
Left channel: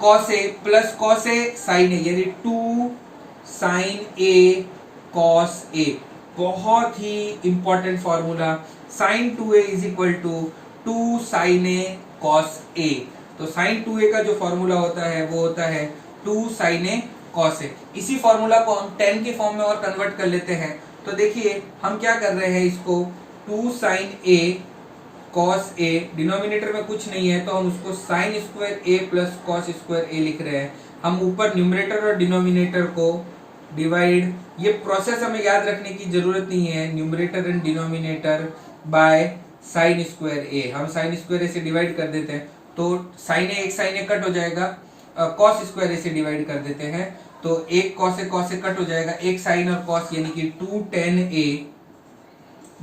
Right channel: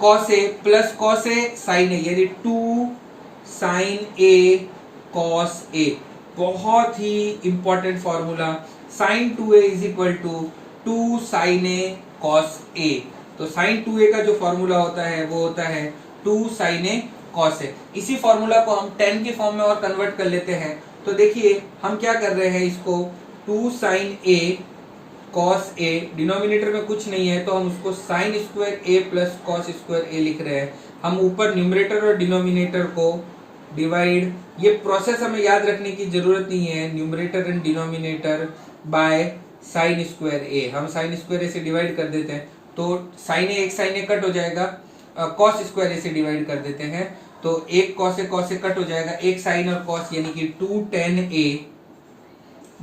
cos A plus cos A sine A, यानी 2 साइन ए कॉस ए। बहुत ही important formula, sine 2a is equal to 2 sine A cos A. तो साइन 2a का जो formula होता है वो होता है 2 साइन ए कॉस ए। इसी फॉर्मूला को हम 10 के फॉर्म में और कन्वर्ट कर लेते हैं। तो देखिए हम क्या कर रहे हैं, इसको 2 साइन ए कॉस ए, डिनोमिनेटर में कुछ नहीं है तो हम उसको साइन स्क्वायर ए प्लस कॉस स्क्वायर ए लिख रहे हैं। हम ऊपर न्यूमरेटर और डिनोमिनेटर को डिवाइड, ये प्रोसेस हमें याद रखने की जरूरत नहीं है, numerator and denominator by sine square A. हम साइन स्क्वायर ए से डिवाइड कर देते हैं तो साइन ए एक साइन ए कट हो जाएगा, कॉस स्क्वायर ए से डिवाइड कर देते हैं तो एक कॉस ए कट हो जाएगा, एक साइन और कॉस यानी कि 2 tan a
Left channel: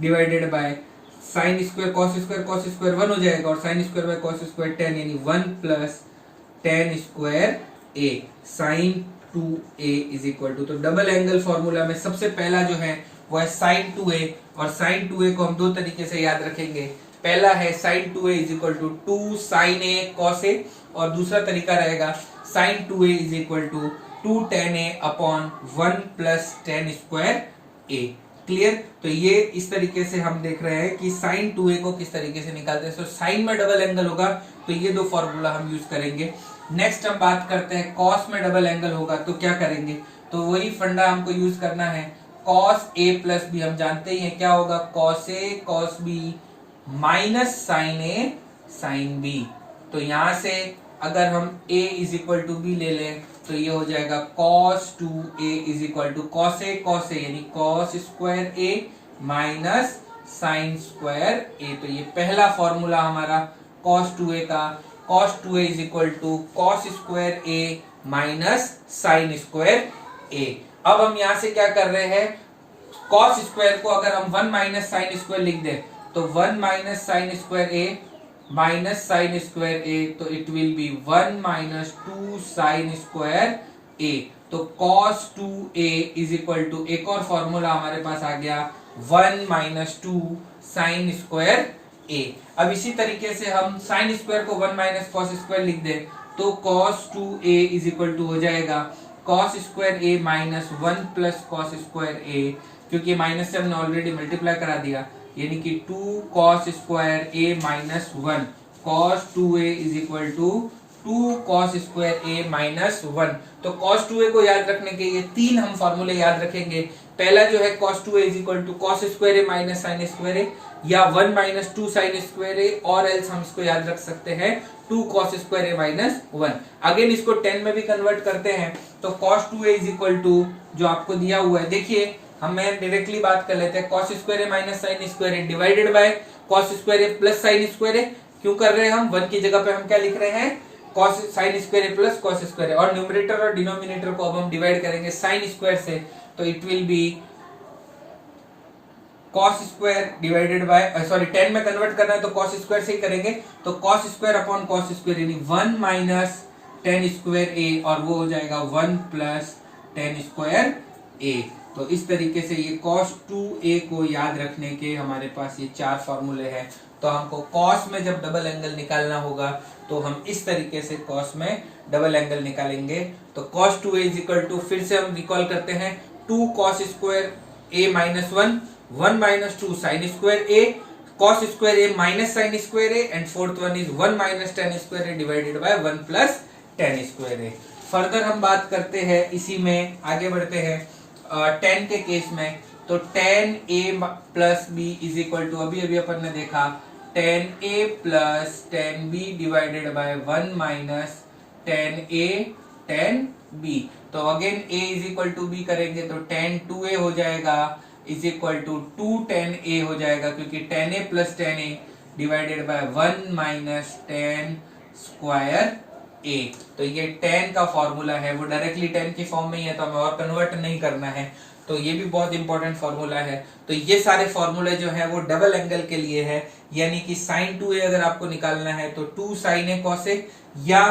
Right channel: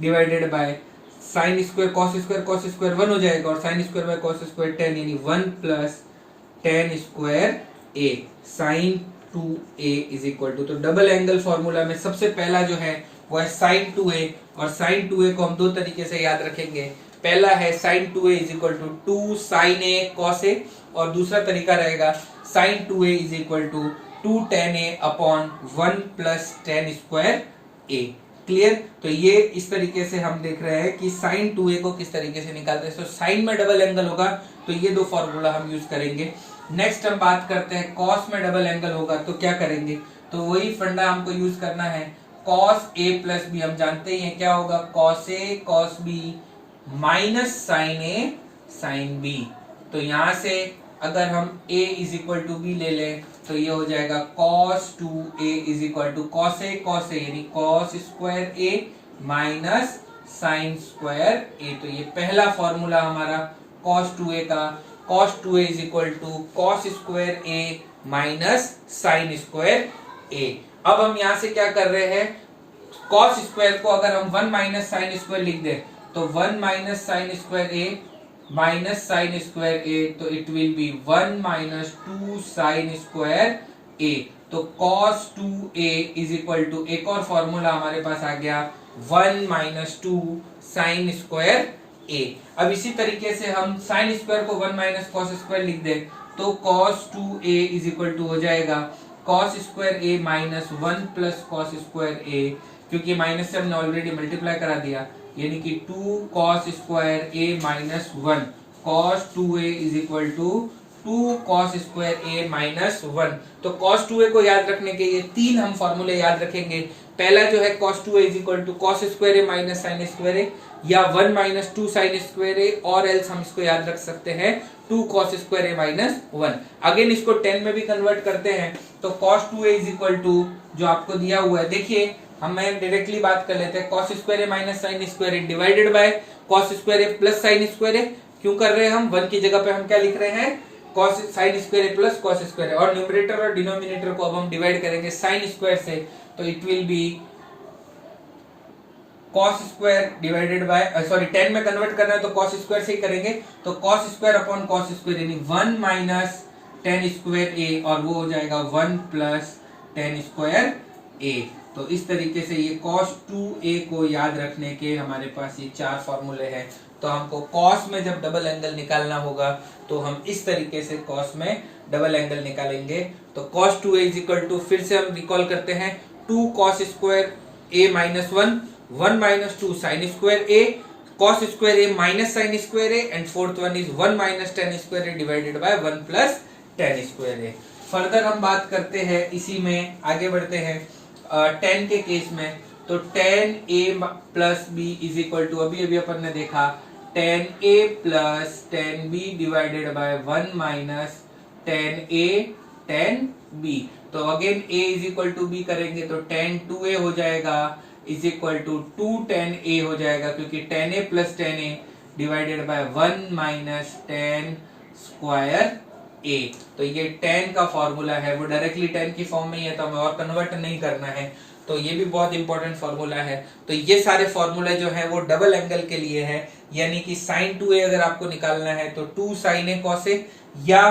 divided by sine square cos square 1 हो जाएगा और sine square by cos square 10 यानी 1 plus tan square a sine 2a is equal to. तो डबल एंगल फॉर्मूला में सबसे पहला जो है वो है साइन 2a, और साइन 2a को हम दो तरीके से याद रखेंगे। पहला है sine 2a is equal to 2 sine A cos A, और दूसरा तरीका रहेगा sine 2a is equal to 2 tan a upon 1 plus tan square A. Clear. तो ये इस तरीके से हम देख रहे हैं कि साइन 2a को किस तरीके से निकालते हैं। तो साइन में डबल एंगल होगा तो ये दो फॉर्मूला हम यूज करेंगे। नेक्स्ट हम बात करते हैं कॉस में डबल एंगल होगा तो क्या करेंगे, तो वही फंडा हमको यूज करना है। कॉस a प्लस बी हम जानते ही हैं क्या होगा, cos a cos b minus sine a sine b। तो यहां से अगर हम a is equal to b ले लें तो ये हो जाएगा cos 2a is equal to cos a यानी cos square a minus sine square a। तो ये पहला फॉर्मूला हमारा cos 2a का, cos 2a is equal to cos square a minus sine square a। अब हम यहां से क्या कर रहे हैं, cos स्क्वायर को अगर हम 1 माइनस साइन स्क्वायर लिख दें तो 1 minus sine square a minus sine square a, तो it will be 1 minus 2 sine square a। तो cos 2a is equal to एक और फॉर्मूला हमारे पास आ गया 1 माइनस 2 साइन स्क्वायर a। अब इसी तरीके से हम साइन स्क्वायर को 1 माइनस कॉस स्क्वायर लिख दें तो cos 2a is equal to हो जाएगा cos square a minus 1 plus cos square a, क्योंकि माइनस से हमने ऑलरेडी मल्टीप्लाई करा दिया, यानी कि 2 cos square a minus 1 cos 2a is equal to 2 cos square a minus 1। तो cos 2a को याद रखने के ये तीन हम फॉर्मूले याद रखेंगे। पहला जो है cos 2a is equal to cos square a minus sine square a, या 1 माइनस 2 साइन स्क्वायर a, और एल्स हम इसको याद रख सकते हैं 2 cos square a minus 1। Again इसको 10 में भी कन्वर्ट करते हैं तो cos 2a is equal to जो आपको दिया हुआ है, देखिए हम डायरेक्टली बात कर लेते हैं, cos square a minus sine square a divided bye cos square a plus sign square a। क्यों कर रहे हैं हम, 1 की जगह पे हम क्या लिख रहे हैं, cos sign square a plus cos square a, और न्यूमरेटर और डिनोमिनेटर को अब हम डिवाइड करेंगे साइन स्क्वायर से, तो it will be cos square divided by, sorry 10 में कन्वर्ट करना है तो cos स्क्वायर से ही करेंगे, तो cos square upon cos square यानी 1 माइनस टेन स्क्वायर a, और वो हो जाएगा 1 प्लस टेन स्क्वायर a। तो इस तरीके से ये cos 2a को याद रखने के हमारे पास ये चार फॉर्मूले हैं। तो हमको cos में जब डबल एंगल निकालना होगा तो हम इस तरीके से cos में डबल एंगल निकालेंगे। तो cos 2a is equal to, फिर से हम रिकॉल करते हैं, 2 cos square a minus 1 1 minus 2 sine square a, cos square a minus sine square a, and fourth one is 1 minus ten square a divided by 1 plus ten square a। Further हम बात करते हैं, इसी में आगे बढ़ते हैं 10 के केस में, तो 10a plus b is equal to, अभी अपन ने देखा 10a plus 10b divided by 1 minus 10a 10b। तो again a is equal to b करेंगे तो 10 2a हो जाएगा इज इक्वल टू 2 10a हो जाएगा, क्योंकि 10a plus 10a divided by 1 minus 10 square a। तो ये 10 का फॉर्मूला है, वो डायरेक्टली 10 की फॉर्म में ही है, तो हमें और कन्वर्ट नहीं करना है, तो ये भी बहुत इंपॉर्टेंट फॉर्मूला है। तो ये सारे फॉर्मूले जो है वो डबल एंगल के लिए है, यानी कि sin 2a अगर आपको निकालना है तो 2 sin a cos a, या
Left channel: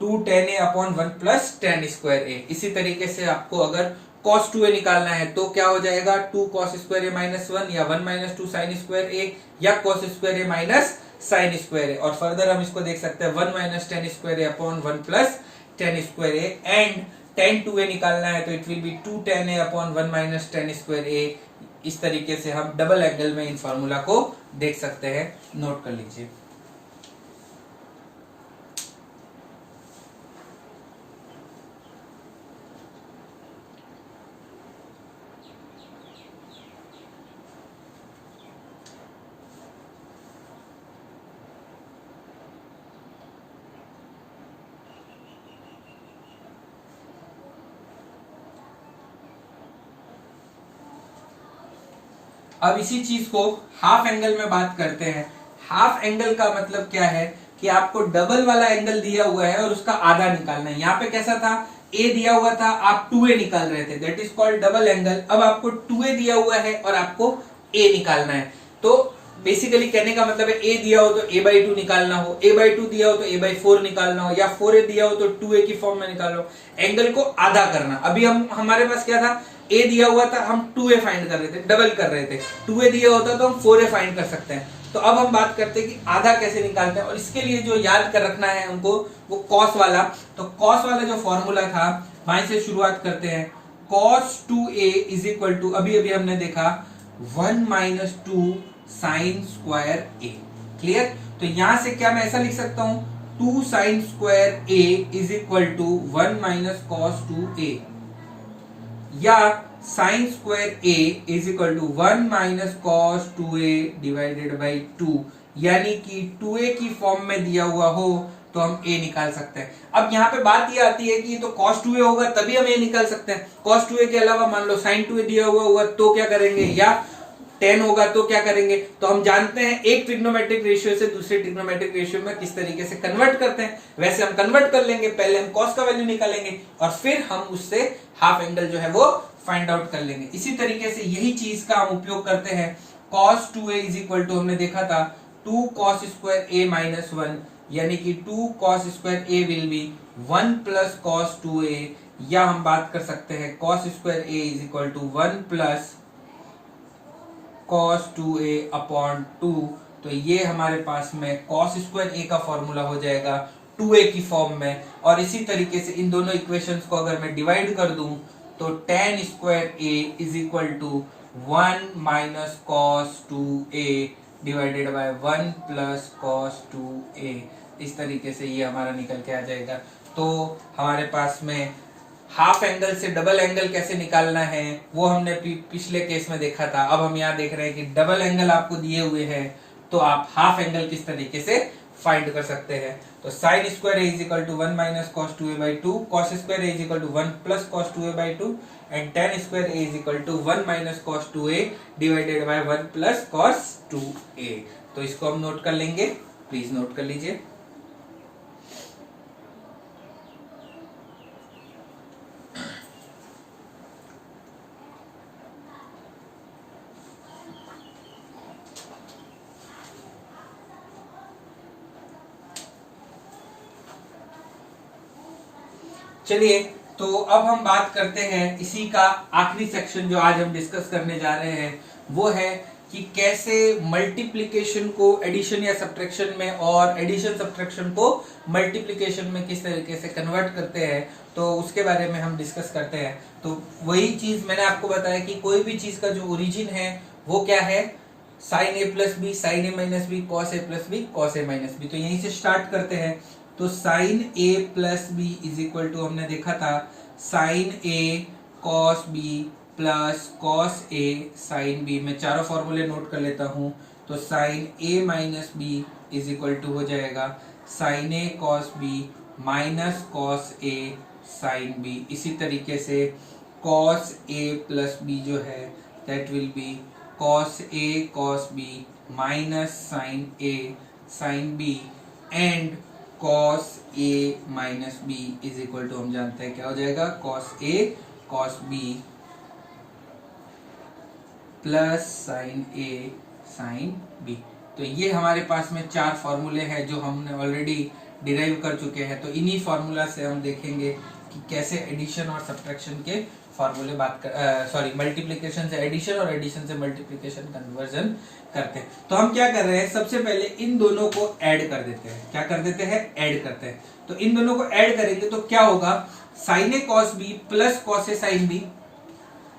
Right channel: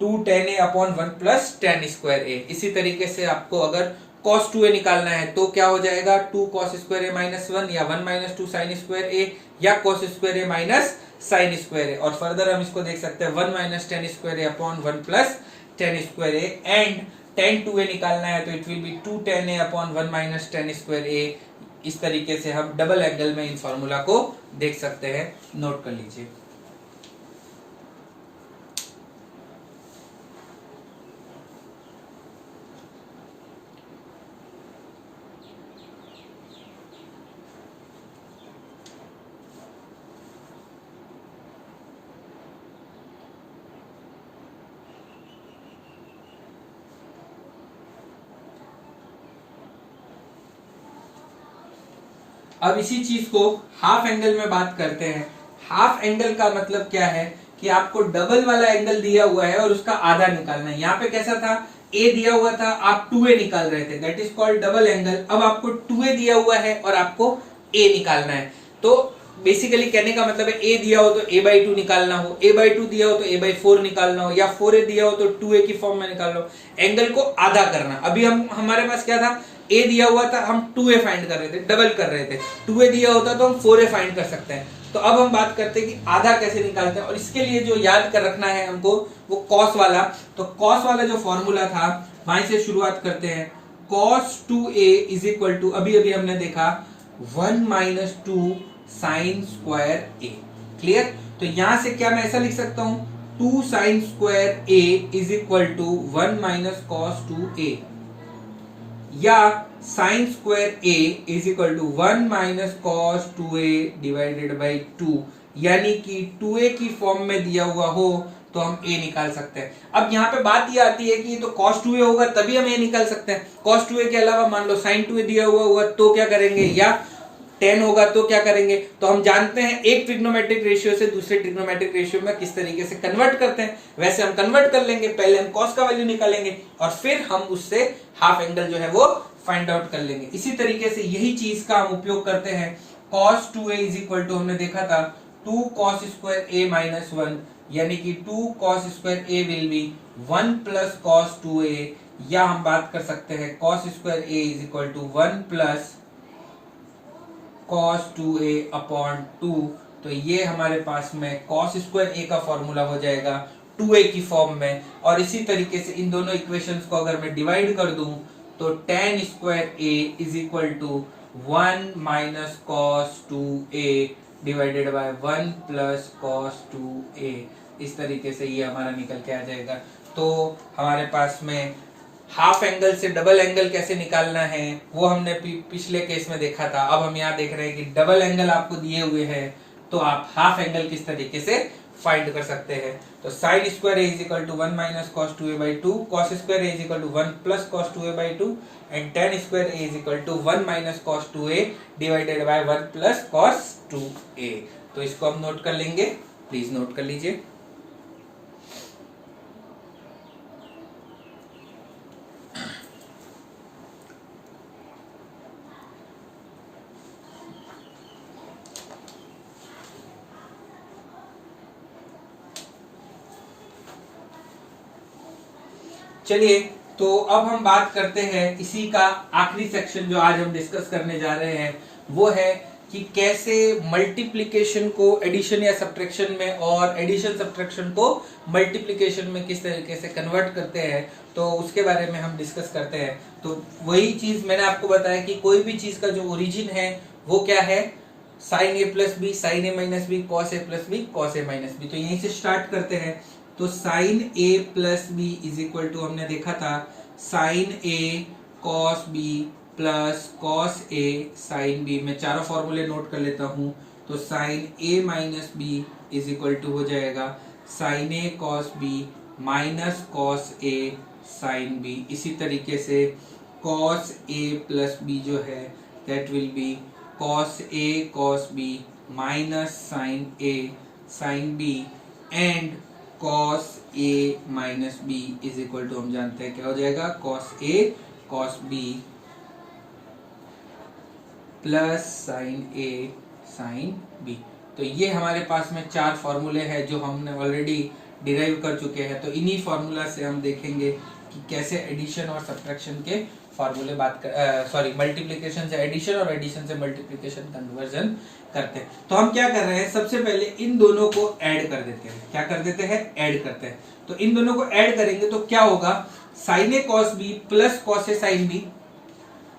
2 tan a upon 1 plus tan square a। इसी तरीके से आपको अगर cos 2a निकालना है तो क्या हो जाएगा, 2 cos स्क्वायर a माइनस 1, या 1 माइनस 2 sin स्क्वायर a, या cos square a minus sine square a। और फर्दर हम इसको देख सकते हैं 1 minus ten square a upon 1 plus ten square a, and tan 2a निकालना है तो it will B 2 tan a upon 1 minus ten square a। इस तरीके से हम डबल एंगल में इन फॉर्मूला को देख सकते हैं, नोट कर लीजिए। अब इसी चीज को हाफ एंगल में बात करते हैं। हाफ एंगल का मतलब क्या है कि आपको डबल वाला एंगल दिया हुआ है और उसका आधा निकालना है। यहाँ पे कैसा था, a दिया हुआ था, आप 2a निकाल रहे थे, that is called double angle. अब आपको 2a दिया हुआ है और आपको a निकालना है, तो बेसिकली कहने का मतलब है a दिया हो तो a/2 निकालना हो, a/2 दिया हो तो a/4 निकालना हो, या 4a दिया हो तो 2a की फॉर्म में निकालना हो, एंगल को आधा करना। अभी हमारे पास क्या था, a दिया हुआ था, हम 2a फाइंड कर रहे थे, डबल कर रहे थे, 2a दिया होता तो हम 4a फाइंड कर सकते हैं। तो अब हम बात करते हैं कि आधा कैसे निकालते हैं, और इसके लिए जो याद कर रखना है हमको वो कॉस वाला। तो कॉस वाला जो फॉर्मूला था वहीं से शुरुआत करते हैं। cos 2a is equal to, अभी हमने देखा 1 minus 2 sine square A. Clear? तो यहां से क्या मैं ऐसा लिख सकता हूं, 2 sine square a is equal to 1 minus cos 2a, या sine square a is equal to 1 minus cos 2a divided by 2, यानी कि 2a की फॉर्म में दिया हुआ हो तो हम a निकाल सकते हैं। अब यहाँ पे बात ये आती है कि तो cos 2a होगा तभी हम a निकाल सकते हैं। cos 2a के अलावा मान लो sin 2a दिया हुआ होगा तो क्या करेंगे, या tan होगा तो क्या करेंगे। तो हम जानते हैं एक ट्रिग्नोमेट्रिक रेशियो से दूसरे ट्रिग्नोमेट्रिक रेशियो में किस तरीके से कन्वर्ट करते हैं, वैसे हम कन्वर्ट कर लेंगे। पहले हम cos का वैल्यू निकालेंगे और फिर हम उससे हाफ एंगल जो है वो फाइंड आउट कर लेंगे। इसी तरीके से यही चीज का हम उपयोग करते हैं। cos 2a is equal to हमने देखा था 2 cos स्क्वायर a माइनस 1, यानी कि 2 cos square a will be 1 plus cos 2a, या हम बात कर सकते हैं cos square a is equal to 1 plus cos 2a upon 2। तो ये हमारे पास में cos स्क्वायर a का फॉर्मूला हो जाएगा 2a की फॉर्म में। और इसी तरीके से इन दोनों इक्वेशंस को अगर मैं डिवाइड कर दूं तो tan square a is equal to 1 minus cos 2a divided by 1 plus cos 2a। इस तरीके से ये हमारा निकल के आ जाएगा। तो हमारे पास में हाफ एंगल से डबल एंगल कैसे निकालना है वो हमने पिछले केस में देखा था। अब हम यहाँ देख रहे हैं कि डबल एंगल आपको दिए हुए हैं तो आप हाफ एंगल किस तरीके से फाइंड कर सकते हैं। तो sine square a is equal to 1 minus cos 2a by 2, cos square a is equal to 1 plus cos 2a by 2, and tan square a is equal to 1 minus cos 2a divided by 1 plus cos 2a। तो इसको हम note कर लेंगे, please note कर लीजिए। चलिए तो अब हम बात करते हैं इसी का आखिरी सेक्शन जो आज हम डिस्कस करने जा रहे हैं, वो है कि कैसे मल्टीप्लिकेशन को एडिशन या सब्ट्रैक्शन में और एडिशन सब्ट्रैक्शन को मल्टीप्लिकेशन में किस तरीके से कन्वर्ट करते हैं, तो उसके बारे में हम डिस्कस करते हैं। तो वही चीज मैंने आपको बताया कि कोई भी चीज का जो ओरिजिन है वो क्या है, sine A plus b, sine A minus b, cos A plus b, cos a minus b. तो यहीं से स्टार्ट करते हैं। तो sine A plus b is equal to हमने देखा था साइन ए कॉस बी प्लस कॉस ए साइन बी। मैं चारों फॉर्मूले नोट कर लेता हूं। तो sine A minus b is equal to हो जाएगा साइन ए कॉस बी माइनस कॉस ए साइन बी। इसी तरीके से कॉस ए प्लस बी जो है that will be cos a cos b minus sine a sine b, and cos a minus b is equal to हम जानते हैं क्या हो जाएगा, cos a cos b plus sine a sine b। तो ये हमारे पास में चार फॉर्मूले हैं जो हमने ऑलरेडी डिराइव कर चुके हैं। तो इन्हीं फॉर्मूला से हम देखेंगे कि कैसे एडिशन और सब्ट्रैक्शन के फॉर्मूले मल्टीप्लिकेशन से एडिशन और एडिशन से मल्टीप्लिकेशन कन्वर्जन करते हैं। तो हम क्या कर रहे हैं, सबसे पहले इन दोनों को ऐड कर देते हैं। क्या कर देते हैं, ऐड करते हैं। तो इन दोनों को ऐड करेंगे तो क्या होगा, साइन ए कॉस बी प्लस कॉस ए साइन बी,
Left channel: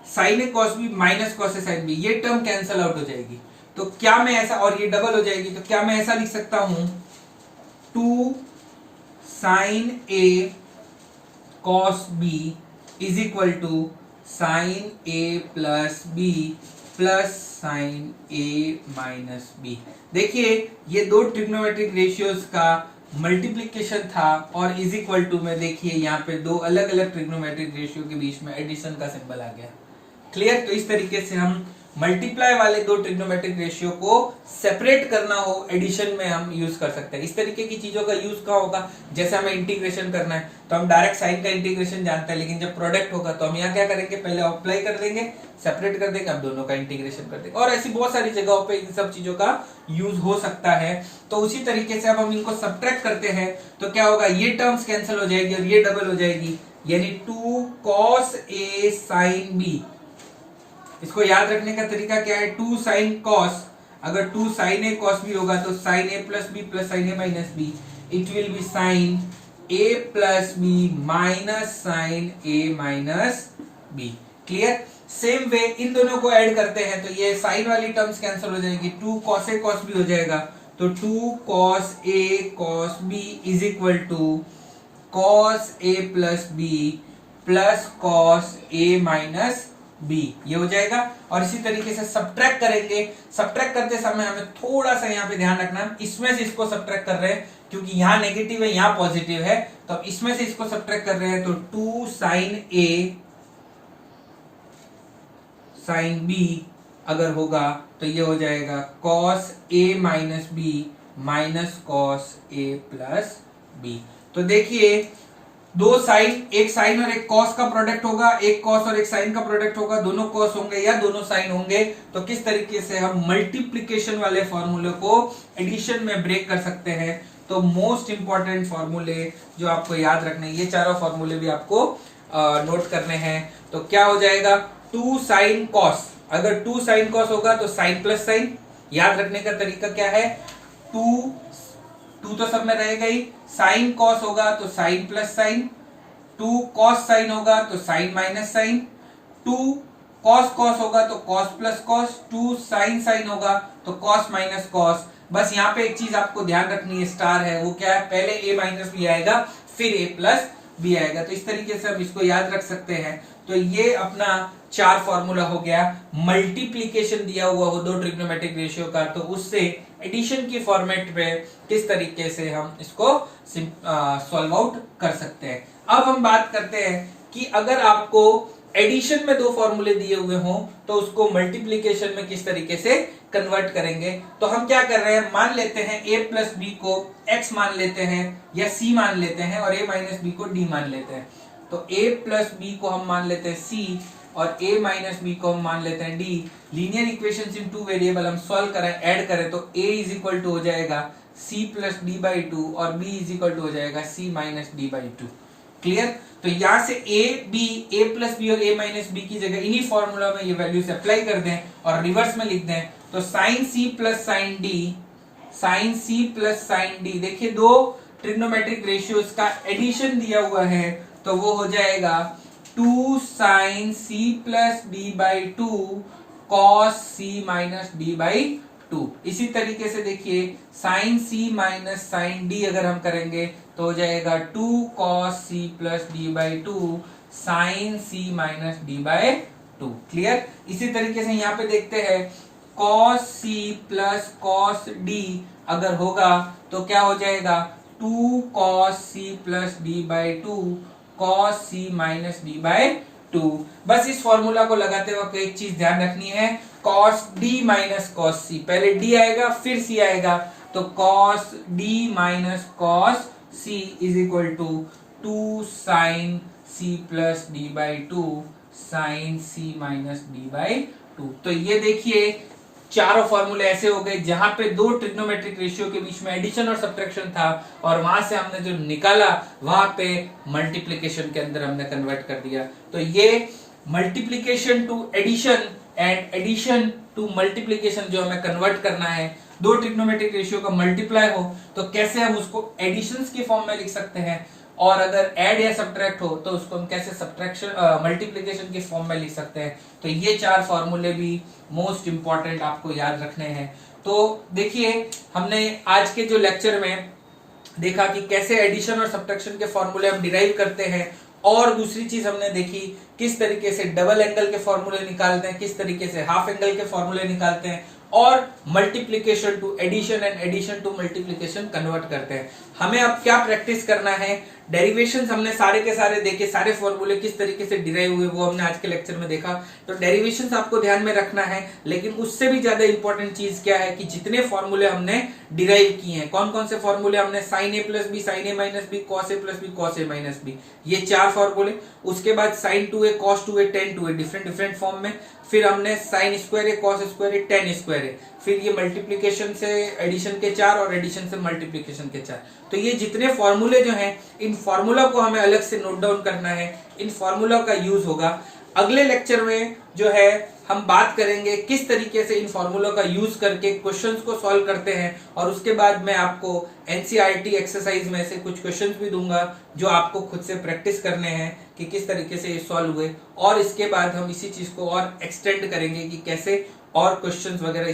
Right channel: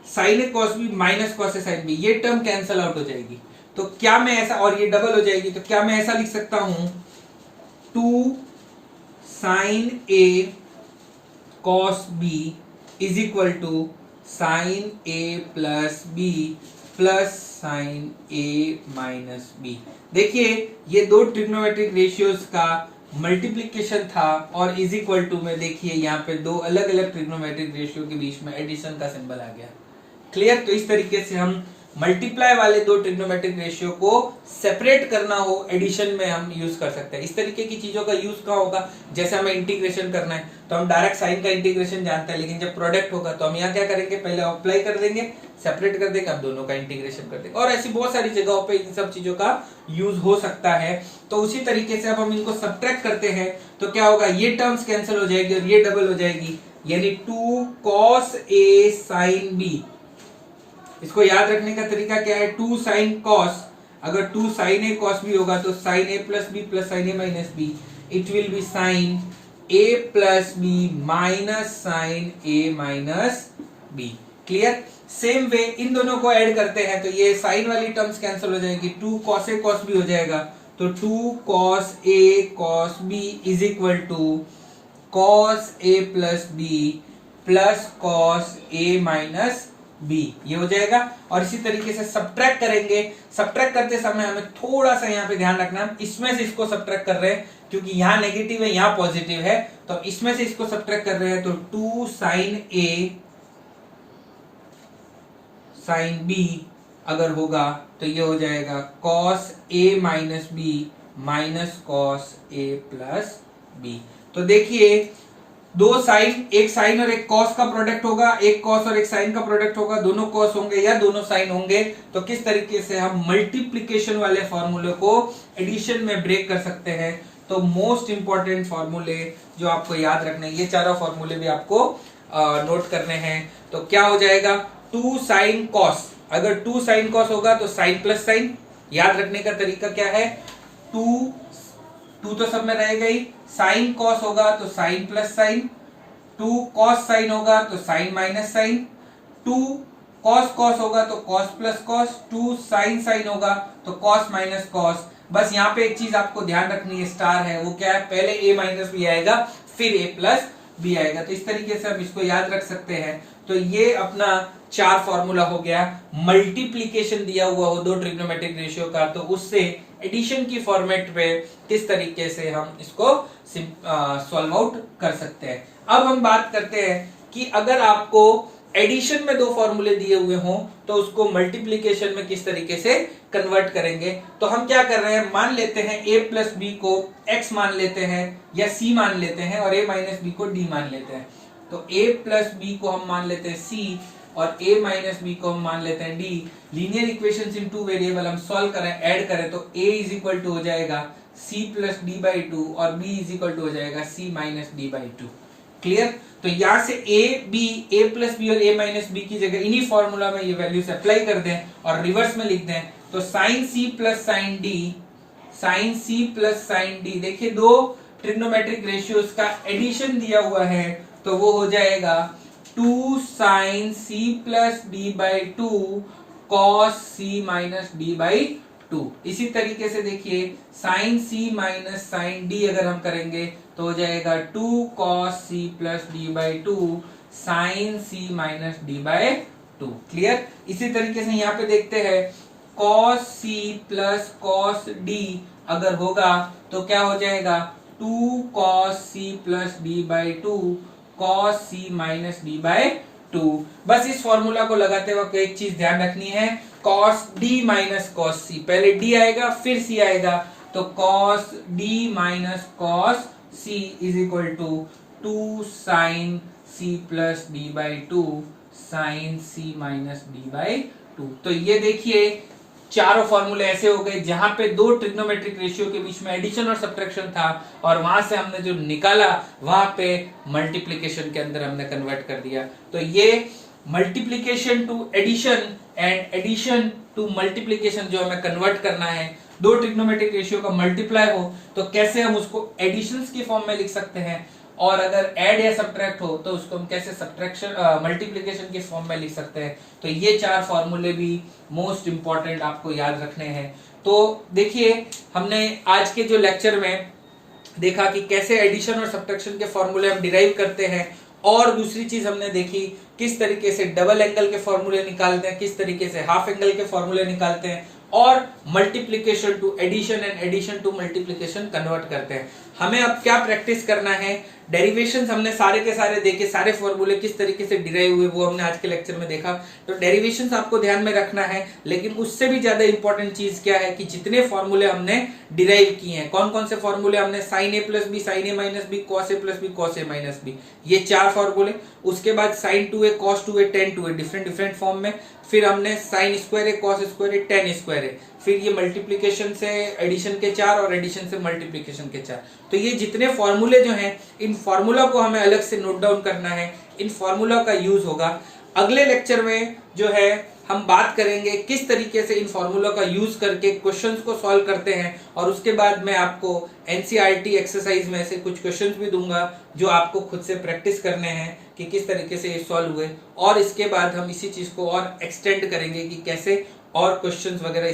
साइन ए कॉस बी माइनस कॉस ए साइन बी, ये टर्म कैंसल आउट हो जाएगी। तो क्या मैं ऐसा, और ये डबल हो जाएगी, तो क्या मैं ऐसा लिख सकता हूं 2 sine A cos b is equal to sine A plus B plus sine A minus b. देखिए ये दो ट्रिग्नोमेट्रिक रेशियोज का मल्टीप्लिकेशन था और इज इक्वल टू में देखिए यहाँ पे दो अलग अलग ट्रिग्नोमेट्रिक रेशियो के बीच में एडिशन का सिंबल आ गया। क्लियर? तो इस तरीके से हम मल्टीप्लाई वाले दो ट्रिग्नोमेट्रिक रेशियो को सेपरेट करना हो एडिशन में हम यूज कर सकते हैं। इस तरीके की चीजों का यूज कहाँ होगा, जैसे हमें इंटीग्रेशन करना है तो हम डायरेक्ट साइन का इंटीग्रेशन जानते हैं, लेकिन जब प्रोडक्ट होगा तो हम यहाँ क्या करेंगे, पहले अप्लाई कर देंगे, सेपरेट कर देंगे, अब दोनों का इंटीग्रेशन कर देंगे। और ऐसी बहुत सारी जगहों पे इन सब चीजों का यूज हो सकता है। तो उसी तरीके से अब हम इनको सब्ट्रैक्ट करते हैं तो क्या होगा, ये टर्म्स कैंसिल हो जाएगी और ये डबल हो जाएगी, यानी 2 cos a sin b। इसको याद रखने का तरीका क्या है, 2 साइन कॉस, अगर 2 साइन ए कॉस बी होगा तो sine A plus B plus sine A minus B, it will be sine A plus B minus sine A minus B. Clear. Same way इन दोनों को ऐड करते हैं तो ये साइन वाली टर्म्स कैंसिल हो जाएगी, 2 cos a cos b हो जाएगा, तो 2 cos a cos b is equal to cos a plus b plus cos a minus b, ये हो जाएगा। और इसी तरीके से सब्ट्रैक्ट करेंगे, सब्ट्रैक्ट करते समय हमें थोड़ा सा यहाँ पे ध्यान रखना, इसमें से इसको सब्ट्रैक्ट कर रहे हैं क्योंकि यहाँ नेगेटिव है यहाँ पॉजिटिव है, तो इसमें से इसको सब्ट्रैक्ट कर रहे हैं, तो 2 sin a sin b अगर होगा तो ये हो जाएगा cos a minus b minus cos a plus b। तो देखिए दो साइन, एक साइन और एक कॉस का प्रोडक्ट होगा, एक कॉस और एक साइन का प्रोडक्ट होगा, दोनों कॉस होंगे या दोनों साइन होंगे, तो किस तरीके से हम मल्टीप्लिकेशन वाले फॉर्मूले को एडिशन में ब्रेक कर सकते हैं। तो मोस्ट इंपॉर्टेंट फॉर्मूले जो आपको याद रखने हैं, ये चारों फॉर्मूले भी आपको नोट करने हैं। तो क्या हो जाएगा, 2 sin cos, अगर 2 sin cos होगा तो साइन प्लस साइन, याद रखने का तरीका क्या है, 2 तो सब में रहेगा ही, साइन कॉस होगा तो sine plus sine, 2 cos sine होगा तो sine minus sine, 2 cos cos होगा तो cos plus cos, 2 sin sine होगा तो cos माइनस कॉस। बस यहाँ पे एक चीज आपको ध्यान रखनी है, स्टार है, वो क्या है, पहले a माइनस बी आएगा फिर a प्लस बी आएगा। तो इस तरीके से हम इसको याद रख सकते हैं। तो ये अपना 4 फॉर्मूला हो गया। मल्टीप्लीकेशन दिया हुआ हो दो ट्रिग्नोमेट्रिक रेशियो का, तो उससे एडिशन की फॉर्मेट पे किस तरीके से हम इसको सॉल्व आउट कर सकते हैं। अब हम बात करते हैं कि अगर आपको एडिशन में 2 फॉर्मूले दिए हुए हों तो उसको मल्टीप्लीकेशन में किस तरीके से कन्वर्ट करेंगे। तो हम क्या कर रहे हैं, मान लेते हैं a प्लस बी को x मान लेते हैं या c मान लेते हैं और a माइनस बी को d मान लेते हैं। तो a प्लस बी को हम मान लेते हैं c और a माइनस बी को हम मान लेते हैं d। लीनियर इक्वेशंस इन 2 वेरिएबल हम सॉल्व करें, ऐड करें तो a इज इक्वल टू हो जाएगा c प्लस डी बाई 2 और b इज इक्वल टू हो जाएगा c minus d by 2। Clear. तो यहां से a प्लस बी और a माइनस बी की जगह इन्हीं फॉर्मूला में ये वैल्यूज अप्लाई कर दें और रिवर्स में लिख दें, तो sine c plus sine d, sine c plus sine d, देखिए 2 ट्रिग्नोमेट्रिक रेशियोज का एडिशन दिया हुआ है, तो वो हो जाएगा 2 sin c plus d by 2 cos c minus d by 2। इसी तरीके से देखिए sin c minus sin d अगर हम करेंगे तो हो जाएगा 2 cos c plus d by 2 sin c minus d by 2। Clear. इसी तरीके से यहाँ पे देखते हैं cos c plus cos d अगर होगा तो क्या हो जाएगा 2 cos c plus d by 2 cos c minus d by 2। बस इस फॉर्मूला को लगाते वक्त एक चीज ध्यान रखनी है, cos d minus cos c, पहले d आएगा फिर c आएगा, तो cos d minus cos c is equal to 2 sin c plus d by 2 sin c minus d by 2। तो ये देखिए चारों फॉर्मूले ऐसे हो गए जहां पे 2 ट्रिग्नोमेट्रिक रेशियो के बीच में एडिशन और सब्ट्रैक्शन था और वहां से हमने जो निकाला वहां पे मल्टीप्लिकेशन के अंदर हमने कन्वर्ट कर दिया। तो ये multiplication to addition and addition to multiplication जो हमें कन्वर्ट करना है, 2 ट्रिग्नोमेट्रिक रेशियो का मल्टीप्लाई हो तो कैसे हम उसको एडिशंस की फॉर्म में लिख सकते हैं, और अगर ऐड या सब्ट्रैक्ट हो तो उसको हम कैसे सब्ट्रैक्शन मल्टीप्लिकेशन की फॉर्म में लिख सकते हैं। तो ये 4 फॉर्मूले भी मोस्ट इंपॉर्टेंट आपको याद रखने हैं। तो देखिए हमने आज के जो लेक्चर में देखा कि कैसे एडिशन और सब्ट्रैक्शन के फॉर्मूले हम डिराइव करते हैं, और दूसरी चीज हमने देखी किस तरीके से डबल एंगल के फॉर्मूले निकालते हैं, किस तरीके से हाफ एंगल के फॉर्मूले निकालते हैं, और multiplication to addition and addition to multiplication convert करते हैं। हमें अब क्या प्रैक्टिस करना है, डेरिवेशंस हमने सारे के सारे देखे, सारे फॉर्मूले किस तरीके से डिराइव हुए वो हमने आज के लेक्चर में देखा। तो डेरिवेशंस आपको ध्यान में रखना है, लेकिन उससे भी ज्यादा इंपॉर्टेंट चीज क्या है कि जितने फॉर्मूले हमने डिराइव किए हैं, कौन कौन से फॉर्मूले हमने, sine A plus b, sine A minus b, cos A plus b, cos a minus b, ये 4 फॉर्मूले। उसके बाद sine 2a, cos 2a, tan 2a, different different form में। फिर हमने साइन स्क्वायर है, कॉस स्क्वायर है, टेन स्क्वायर है। फिर ये मल्टीप्लिकेशन से एडिशन के 4 और एडिशन से मल्टीप्लिकेशन के 4। तो ये जितने फॉर्मूले जो हैं, इन फॉर्मूला को हमें अलग से नोट डाउन करना है, इन फॉर्मूला का यूज होगा। अगले लेक्चर में जो है हम बात करेंगे किस तरीके से इन फॉर्मूलों का यूज करके क्वेश्चंस को सॉल्व करते हैं, और उसके बाद मैं आपको एनसीईआरटी एक्सरसाइज में से कुछ क्वेश्चंस भी दूंगा जो आपको खुद से प्रैक्टिस करने हैं कि किस तरीके से ये सॉल्व हुए, और इसके बाद हम इसी चीज को और एक्सटेंड करेंगे कि कैसे और क्वेश्चंस वगैरह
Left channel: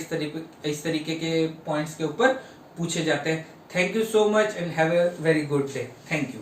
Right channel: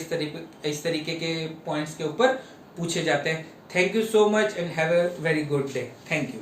इस तरीके के पॉइंट्स के ऊपर पूछे जाते हैं। Thank you so much and have a very good day. Thank you.